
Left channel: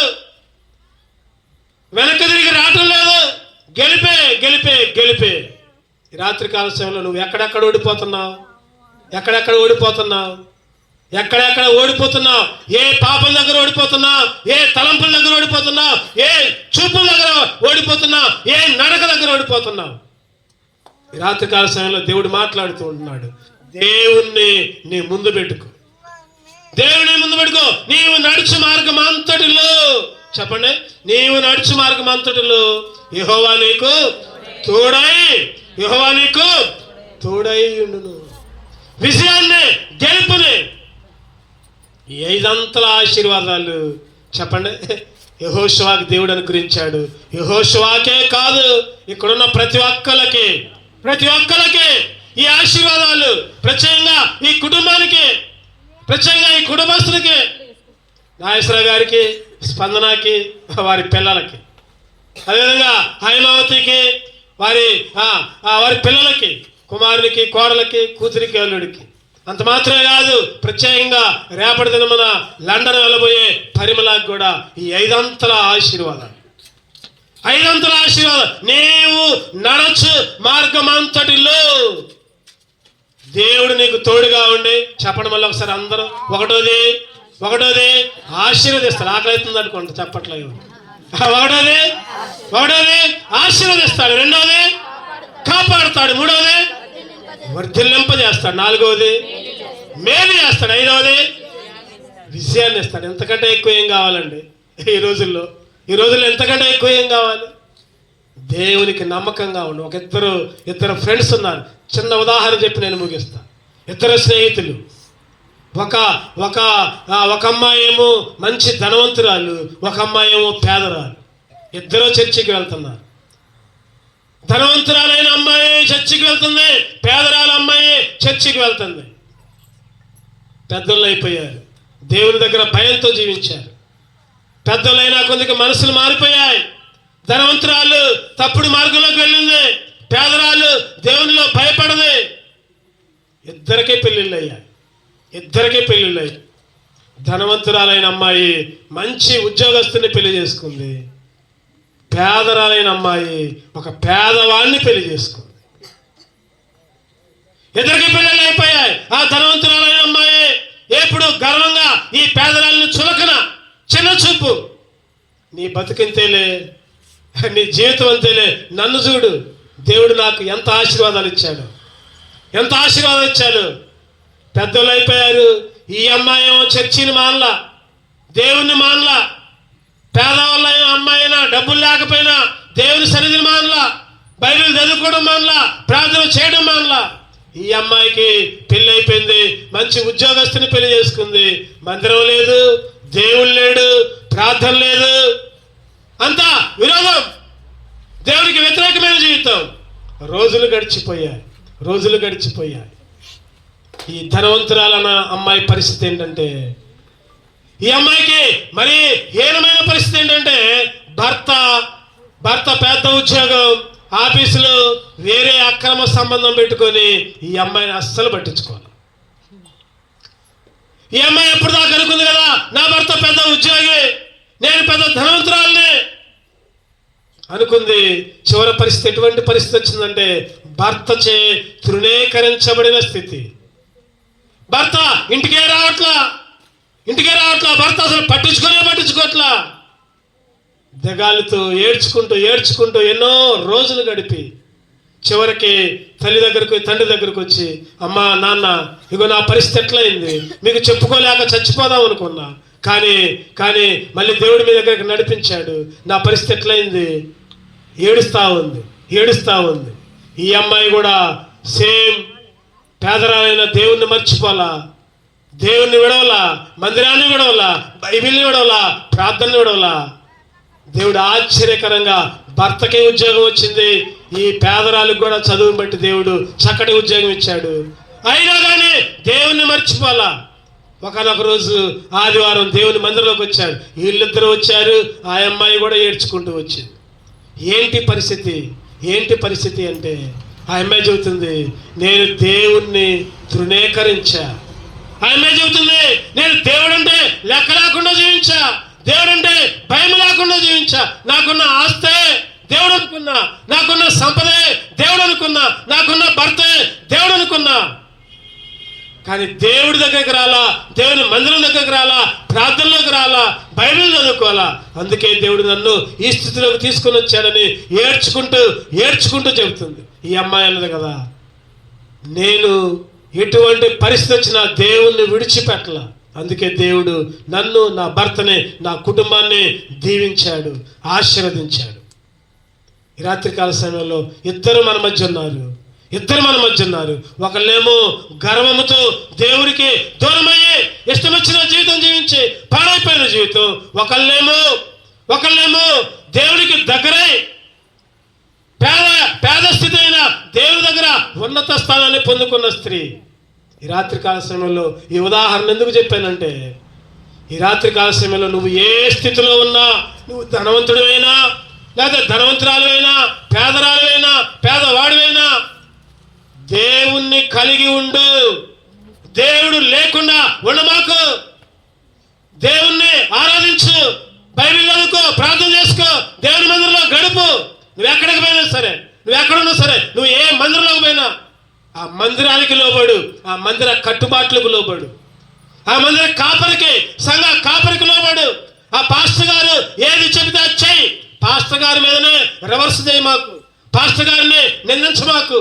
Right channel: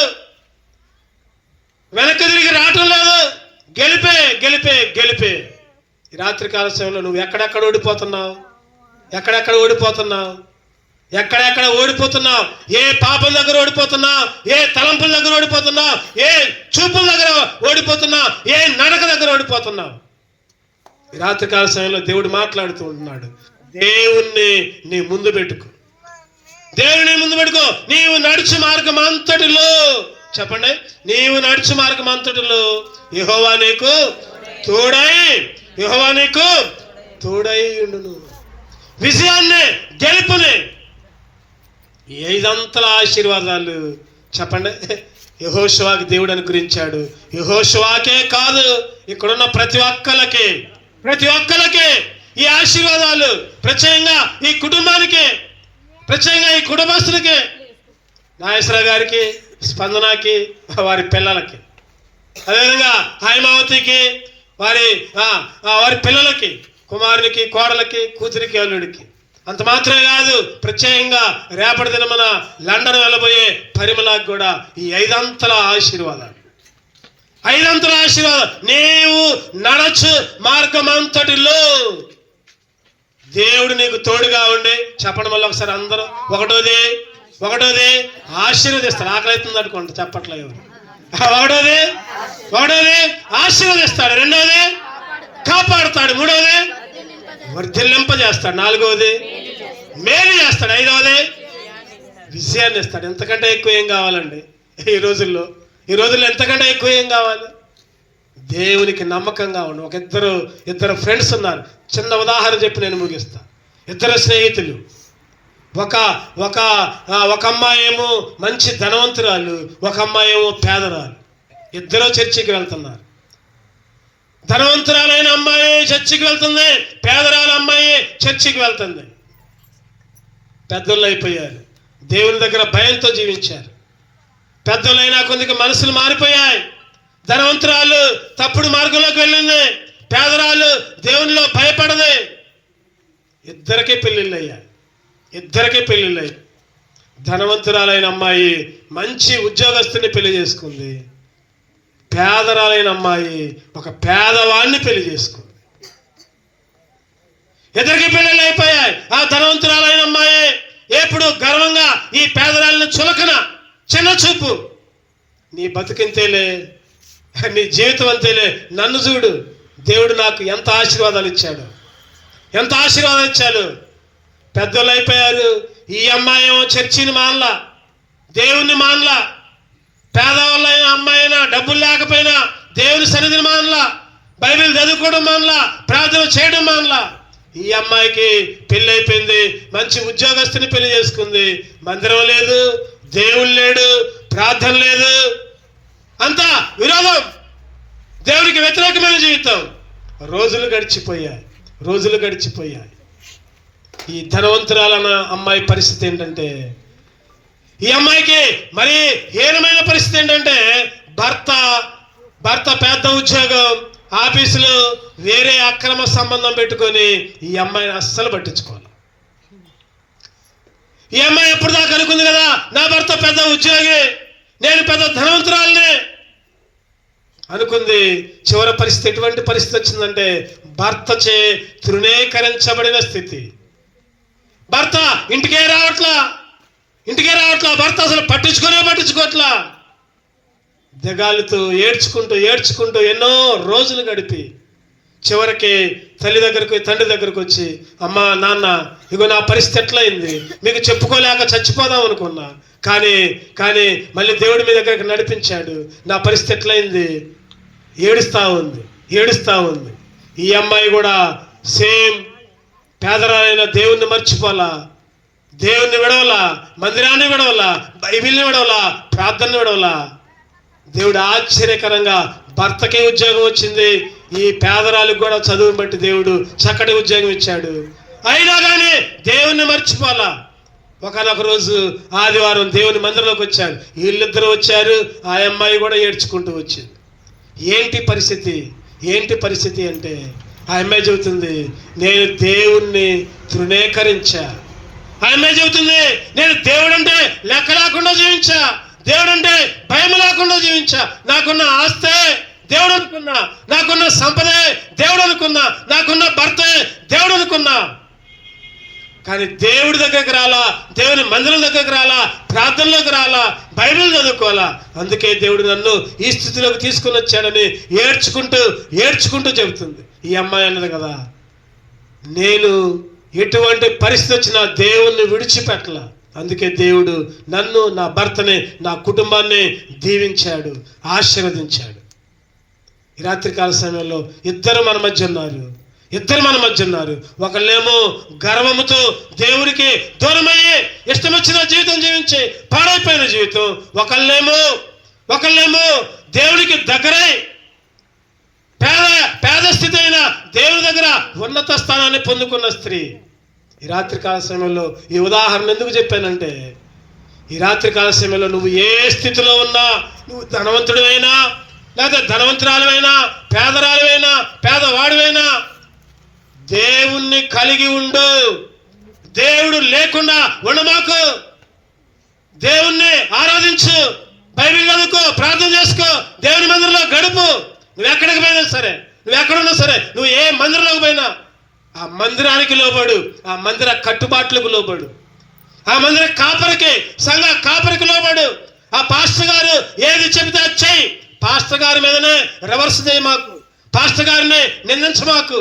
వెనక్కి తిరిగి రావటం లేదు. గెలిపే గెలిపే గెలిపే. ఈ రాత్రికాల సమయంలో నువ్వు ఎక్కడెక్కడ ఓడిపోతున్నావు, ఎక్కడెక్కడ ఓడిపోతున్నావు, ఎక్కడెక్కడ ఓడిపోతున్నావు? ఏ పాపం దగ్గర ఓడిపోతున్నావు? ఏ తలంపుల దగ్గర ఓడిపోతున్నావు? ఏ చూపుల దగ్గర ఓడిపోతున్నావు? ఏ నడక దగ్గర ఓడిపోతున్నావు? ఈ రాత్రికాల సమయంలో దేవుడు మాట్లాడుతూ ఉంటున్నాడు. దేవుణ్ణి నీ ముందు పెట్టుకో, దేవుని ముందు పెట్టుకో. నీవు నడుచు మార్గం అంతటిలో చెప్పండి, నీవు నడుచు మార్గం అంతటిలో యెహోవా నీకు తోడై ఉండును. విజయాన్ని, గెలుపుని, ఈ 5 అంతల ఆశీర్వాదాలు చెప్పండి యెహోషువకి దేవుడు అనుగ్రహించాడు. యెహోషువకే కాదు, ఇక్కడున్న ప్రతి ఒక్కరికి ఈ ఆశీర్వాదాలు ప్రత్యేకంగా ఈ కుటుంబానికి, ప్రత్యేకంగా ఈ కుటుంబస్తులకి, నాగేశ్వర గారికి, స్పందనకి, వారి పిల్లలకి, అదేవిధంగా హైమావతికి, వారి పిల్లలకి, కుమారునికి, కోడలకి, కూతురికి, అల్లుడికి. అంత మాత్రమే కాదు, ప్రత్యేకంగా రేపటి దినమున లండన్ వెళ్ళబోయే పరిమళకి కూడా ఈ 5 అంతల ఆశీర్వాదాలు. నీవు నడచు మార్గం అంతటిలో దేవుడు నీకు తోడుగా ఉండి, చెప్పడం వల్ల ఒకసారి అందరూ ఒకటోది ఆశీర్వదిస్తాడు. ఆకలి అవుతుంది అనుకోండి, చెప్పట్లేదు. ఒకటోది ఆశీర్వదిస్తాడు, రెండోది కాపాడుతాడు, మూడోది వర్ధిల్లింపజేస్తాడు, నాలుగవది మేలు చేస్తాడు, ఐదవది విజయాన్ని ఇస్తాడు. ఎంతకంటే ఎక్కువ ఏం కావాలండి ఈ రోజుల్లో ఎంతకంటే ఎక్కువ ఏం కావాలి? దేవునికి నమ్మకంగా ఉండి. ఇద్దరు ఫ్రెండ్స్ ఉన్నారు. చిన్న ఉదాహరణ చెప్పి నేను ముగిస్తా. 2 స్నేహితులు. ఒక అమ్మాయి ఏమో మంచి ధనవంతురాలు, ఒక అమ్మాయి ఏమో పేదరాలు. ఇద్దరు చర్చికి వెళ్తున్నారు. ధనవంతురాలైన అమ్మాయి చర్చికి వెళ్తుంది, పేదరాల అమ్మాయి చర్చికి వెళ్తుంది. పెద్దోళ్ళు అయిపోయారు, దేవుని దగ్గర భయంతో జీవించారు. పెద్దోళ్ళైనా కొందికి మనసులు మారిపోయాయి. ధనవంతురాలు తప్పుడు మార్గంలోకి వెళ్ళింది, పేదరాలు దేవునిలో భయపడది. ఇద్దరికీ పెళ్ళిళ్ళయ్యాయి. ధనవంతురాలైన అమ్మాయి మంచి ఉద్యోగస్తుని పెళ్లి చేసుకుంది. పేదరాలైన అమ్మాయి ఒక పేదవాడిని పెళ్లి చేసుకుంది. ఇద్దరికి పెళ్ళిళ్ళు అయిపోయాయి. ఆ ధనవంతురాలైన అమ్మాయి ఎప్పుడు గర్వంగా ఈ పేదరాలను చులకన, చిన్న చూపు, నీ బతుకింతేలే, నీ జీవితం అంతేలే, నన్ను చూడు, దేవుడు నాకు ఎంత ఆశీర్వాదాలు ఇచ్చాడు. పెద్దలు అయిపోయారు. ఈ అమ్మాయి ఏమో చర్చిని మానలా, దేవుణ్ణి మానలా. పేదవాళ్ళ అమ్మాయినా డబ్బులు లేకపోయినా దేవుని సన్నిధిని మానలా, బైబిల్ చదువుకోవడం మానలా, ప్రార్థన చేయడం మానలా. ఈ అమ్మాయికి పెళ్లి అయిపోయింది, మంచి ఉద్యోగస్తుని పెళ్లి చేసుకుంది. మందిరం లేదు, దేవుడు లేడు, ప్రార్థన లేదు, అంతా విరోధం, దేవుడికి వ్యతిరేకమైన జీవితం. రోజులు గడిచిపోయాయి. ఈ ధనవంతురాలన్న అమ్మాయి పరిస్థితి ఏంటంటే, ఈ అమ్మాయికి మరి హీనమైన పరిస్థితి ఏంటంటే, భర్త పెద్ద ఉద్యోగం, ఆఫీసులో వేరే అక్రమ సంబంధం పెట్టుకొని ఈ అమ్మాయిని అస్సలు పట్టించుకోవాలి. ఈ అమ్మాయి ఎప్పుడు దాకా అనుకుంది కదా, నా భర్త పెద్ద ఉద్యోగి, నేను పెద్ద ధనవంతురాలని అనుకుంది. చివరి పరిస్థితి ఎటువంటి పరిస్థితి వచ్చిందంటే, భర్తచే తృణీకరించబడిన స్థితి. భర్త ఇంటికే రావట్లా, భర్త అసలు పట్టించుకోవట్లా. దిగాలుతూ ఏడ్చుకుంటూ ఎన్నో రోజులు గడిపి చివరికి తండ్రి దగ్గరకు వచ్చి, అమ్మా నాన్న, ఇగో నా పరిస్థితి ఎట్లయింది, మీకు చెప్పుకోలేక చచ్చిపోదాం అనుకున్నా, కానీ మళ్ళీ దేవుడి మీ దగ్గరికి నడిపించాడు, నా పరిస్థితి ఎట్లయింది, ఏడుస్తా ఉంది. ఈ అమ్మాయి కూడా సేమ్ పేదరాలైన దేవుణ్ణి మర్చిపోలా, దేవుణ్ణి విడవలా, మందిరాన్ని విడవలా, బైబిల్ని విడవలా, ప్రార్థనని విడవలా. దేవుడు ఆశ్చర్యకరంగా భర్తకి ఉద్యోగం వచ్చింది, ఈ పేదరాలకు కూడా చదువుని బట్టి దేవుడు చక్కటి ఉద్యోగం ఇచ్చాడు. అయినా కానీ దేవుణ్ణి మర్చిపోలా. ఒకనొక రోజు ఆదివారం దేవుని మందిరంలోకి వచ్చాడు. వీళ్ళిద్దరూ వచ్చారు, ఆ అమ్మాయి కూడా ఏడ్చుకుంటూ వచ్చింది. ఏంటి పరిస్థితి అంటే, ఆ అమ్మాయి చెబుతుంది, నేను దేవుణ్ణి తృణీకరించా. ఆ అమ్మాయి చెబుతుంది, నేను దేవుడంటే లెక్క లేకుండా జీవించా, దేవుడంటే భయం లేకుండా జీవించా. నాకున్న ఆస్తే దేవుడు అనుకున్నా, నాకున్న సంపదే దేవుడు అనుకున్నా, నాకున్న భర్తే దేవుడు అనుకున్నా. కానీ దేవుడి దగ్గరికి రాలా, దేవుని మందిరం దగ్గరికి రాలా, ప్రార్థనలోకి రాలా, బైబిల్ చదువుకోవాలా. అందుకే దేవుడు నన్ను ఈ స్థితిలోకి తీసుకుని వచ్చాడని ఏడ్చుకుంటూ చెబుతుంది. ఈ అమ్మాయి అన్నది కదా, నేను ఎటువంటి పరిస్థితి వచ్చినా దేవుణ్ణి విడిచిపెట్టలా అందుకే దేవుడు నన్ను, నా భర్తని, నా కుటుంబాన్ని దీవించాడు, ఆశీర్వదించాడు. ఈ రాత్రికాల సమయంలో ఇద్దరు మన మధ్య ఉన్నారు. ఒకళ్ళేమో గర్వముతో దేవుడికి దూరమయ్యి ఇష్టం వచ్చిన జీవితం జీవించి పాడైపోయిన జీవితం, ఒకళ్ళేమో దేవుడికి దగ్గరై పేద స్థితి అయిన దేవుడి దగ్గర ఉన్నత స్థానాన్ని పొందుకున్న స్త్రీ. ఈ రాత్రికాల సమయంలో ఈ ఉదాహరణ ఎందుకు చెప్పానంటే, ఈ రాత్రికాల సమయంలో నువ్వు ఏ స్థితిలో ఉన్నా, నువ్వు ధనవంతుడివైనా లేదా ధనవంతురాలువైనా, పేదరాలువైనా పేదవాడివైనా, దేవుణ్ణి కలిగి ఉండు. దేవుడు లేకుండా ఉండమాకు. దేవుణ్ణి ఆరాధించు, బైబిల్ చదువుకో, ప్రార్థన చేసుకో, దేవుని మందిరంలో గడుపు. నువ్వు ఎక్కడికి పోయినా సరే, నువ్వు ఎక్కడున్నా సరే, నువ్వు ఏ మందిరంలోకి పోయినా ఆ మందిరానికి లోబడు, ఆ మందిర కట్టుబాట్లకు లోబడు, ఆ మందిర కాపరికి, సంఘ కాపరికి లోబడు. ఆ పాస్టర్ గారు ఏది చెబితే అది చెయ్యి. పాస్టర్ గారి మీదనే రివర్స్ చేయి మాకు, పాస్టర్ గారిని నిందించమాకు.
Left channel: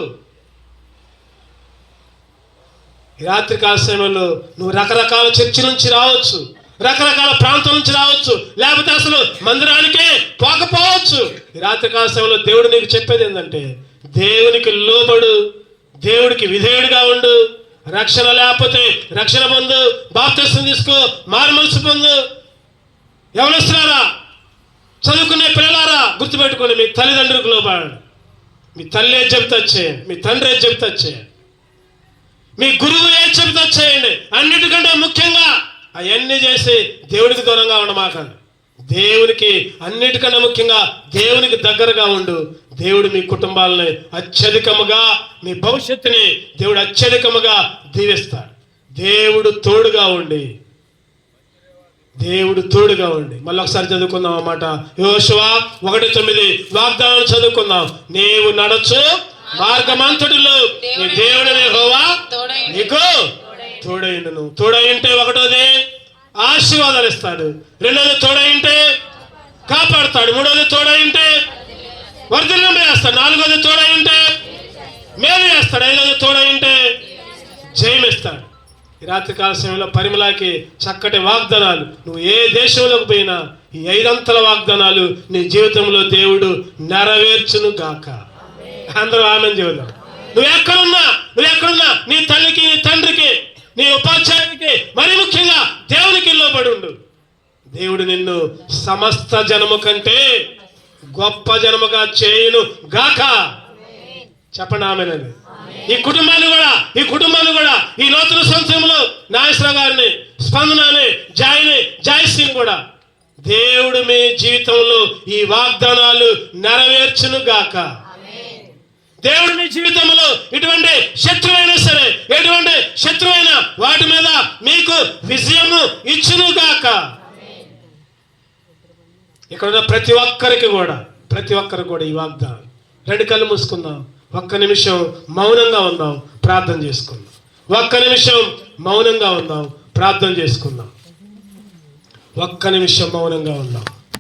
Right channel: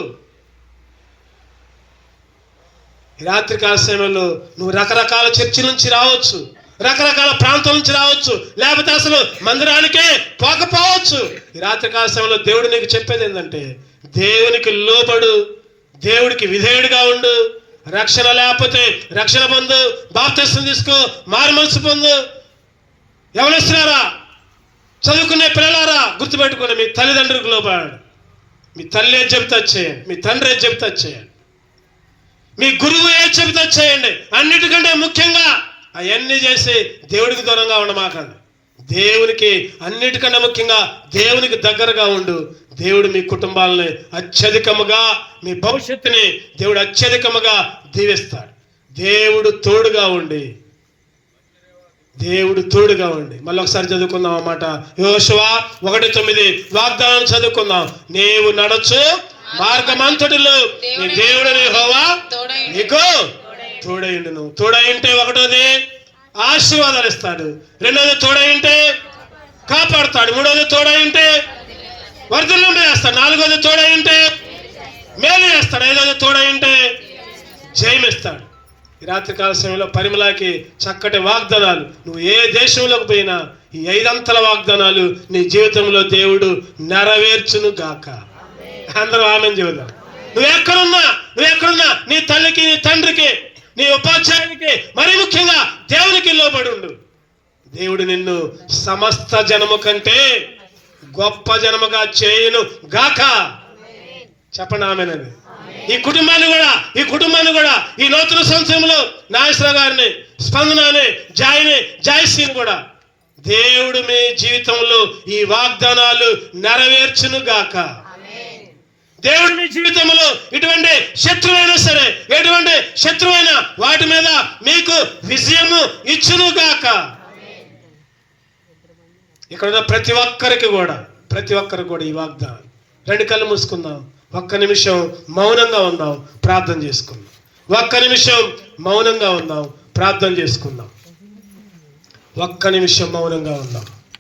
ఈ రాత్రికాల సమయంలో నువ్వు రకరకాల చర్చి నుంచి రావచ్చు, రకరకాల ప్రాంతం నుంచి రావచ్చు, లేకపోతే అసలు మందిరానికే పోకపోవచ్చు. ఈ రాత్రికాల సమయంలో దేవుడు నీకు చెప్పేది ఏంటంటే, దేవునికి లోబడు, దేవుడికి విధేయుడిగా ఉండు. రక్షణ లేకపోతే రక్షణ పొందు, బాప్తిస్మం తీసుకో, మారుమనసు పొందు. ఎవరిస్తున్నారా? చదువుకునే పిల్లలారా, గుర్తుపెట్టుకోండి, మీ తల్లిదండ్రులకు లోబడు. మీ తల్లి ఏది చెబితే చేయండి, మీ తండ్రి ఏది చెబితే చేయండి, మీ గురువు ఏది చెబితే చేయండి. అన్నిటికంటే ముఖ్యంగా అవన్నీ చేసి దేవుడికి దూరంగా ఉండమాకండి. దేవునికి అన్నిటికన్నా ముఖ్యంగా దేవునికి దగ్గరగా ఉండు. దేవుడు మీ కుటుంబాలని అత్యధికముగా, మీ భవిష్యత్తుని దేవుడు అత్యధికముగా దీవిస్తాడు. దేవుడు తోడుగా ఉండి మళ్ళీ ఒకసారి చదువుకుందాం అన్నమాట. యోషువ 1:9 వాగ్దానం చదువుకుందాం. నీవు నడచు మార్గమంతటిలో నీ దేవుడైన యెహోవా నీకు తోడైండును. తోడైంటే ఒకటోది ఆశీర్వాదాలు ఇస్తాడు, రెండోది తోడైంటే కాపాడుతాడు, మూడోది తోడైంటే వర్ధనం చేస్తాడు, నాలుగోది తోడైంటే మేలు చేస్తాడు, ఐదోది తోడైంటే జయమిస్తాడు. ఈ రాత్రికాల సమయంలో పరిమళకి చక్కటి వాగ్దానాలు. నువ్వు ఏ దేశంలోకి పోయినా ఈ 5 అంతల వాగ్దానాలు నీ జీవితంలో దేవుడు నెరవేర్చును గాక. అందరూ ఆనందం చెబుదాం. నువ్వు ఎక్కడున్నా నీ తల్లికి, నీ తండ్రికి, నీ ఉపాధ్యాయునికి, మరీ ముఖ్యంగా దేవునికి లోబడి ఉండు. దేవుడు నిన్ను సమస్త జనము కంటే గొప్ప జనముగా చేయును గాక. చెప్పండి ఆమేనని. ఈ కుటుంబాన్ని కూడా ఈ నూతన సంవత్సరంలో నాగేశ్వర గారిని, స్పందనని, జాయశ్రీని కూడా దేవుడు మీ జీవితంలో ఈ వాగ్దానాలు నెరవేర్చును గాక. దేవుడు మీ జీవితంలో ఎటువంటి శత్రువైనా వాటి మీద మీకు విజయము ఇచ్చును గాక. ఇక్కడ ఉన్న ప్రతి ఒక్కరికి కూడా ఈ వాగ్దానం. 2 కళ్ళు మూసుకుందాం, ఒక్క నిమిషం మౌనంగా ఉందాం, ప్రార్థన చేసుకుందాం. ఒక్క నిమిషం మౌనంగా ఉందాం, ప్రార్థన చేసుకుందాం.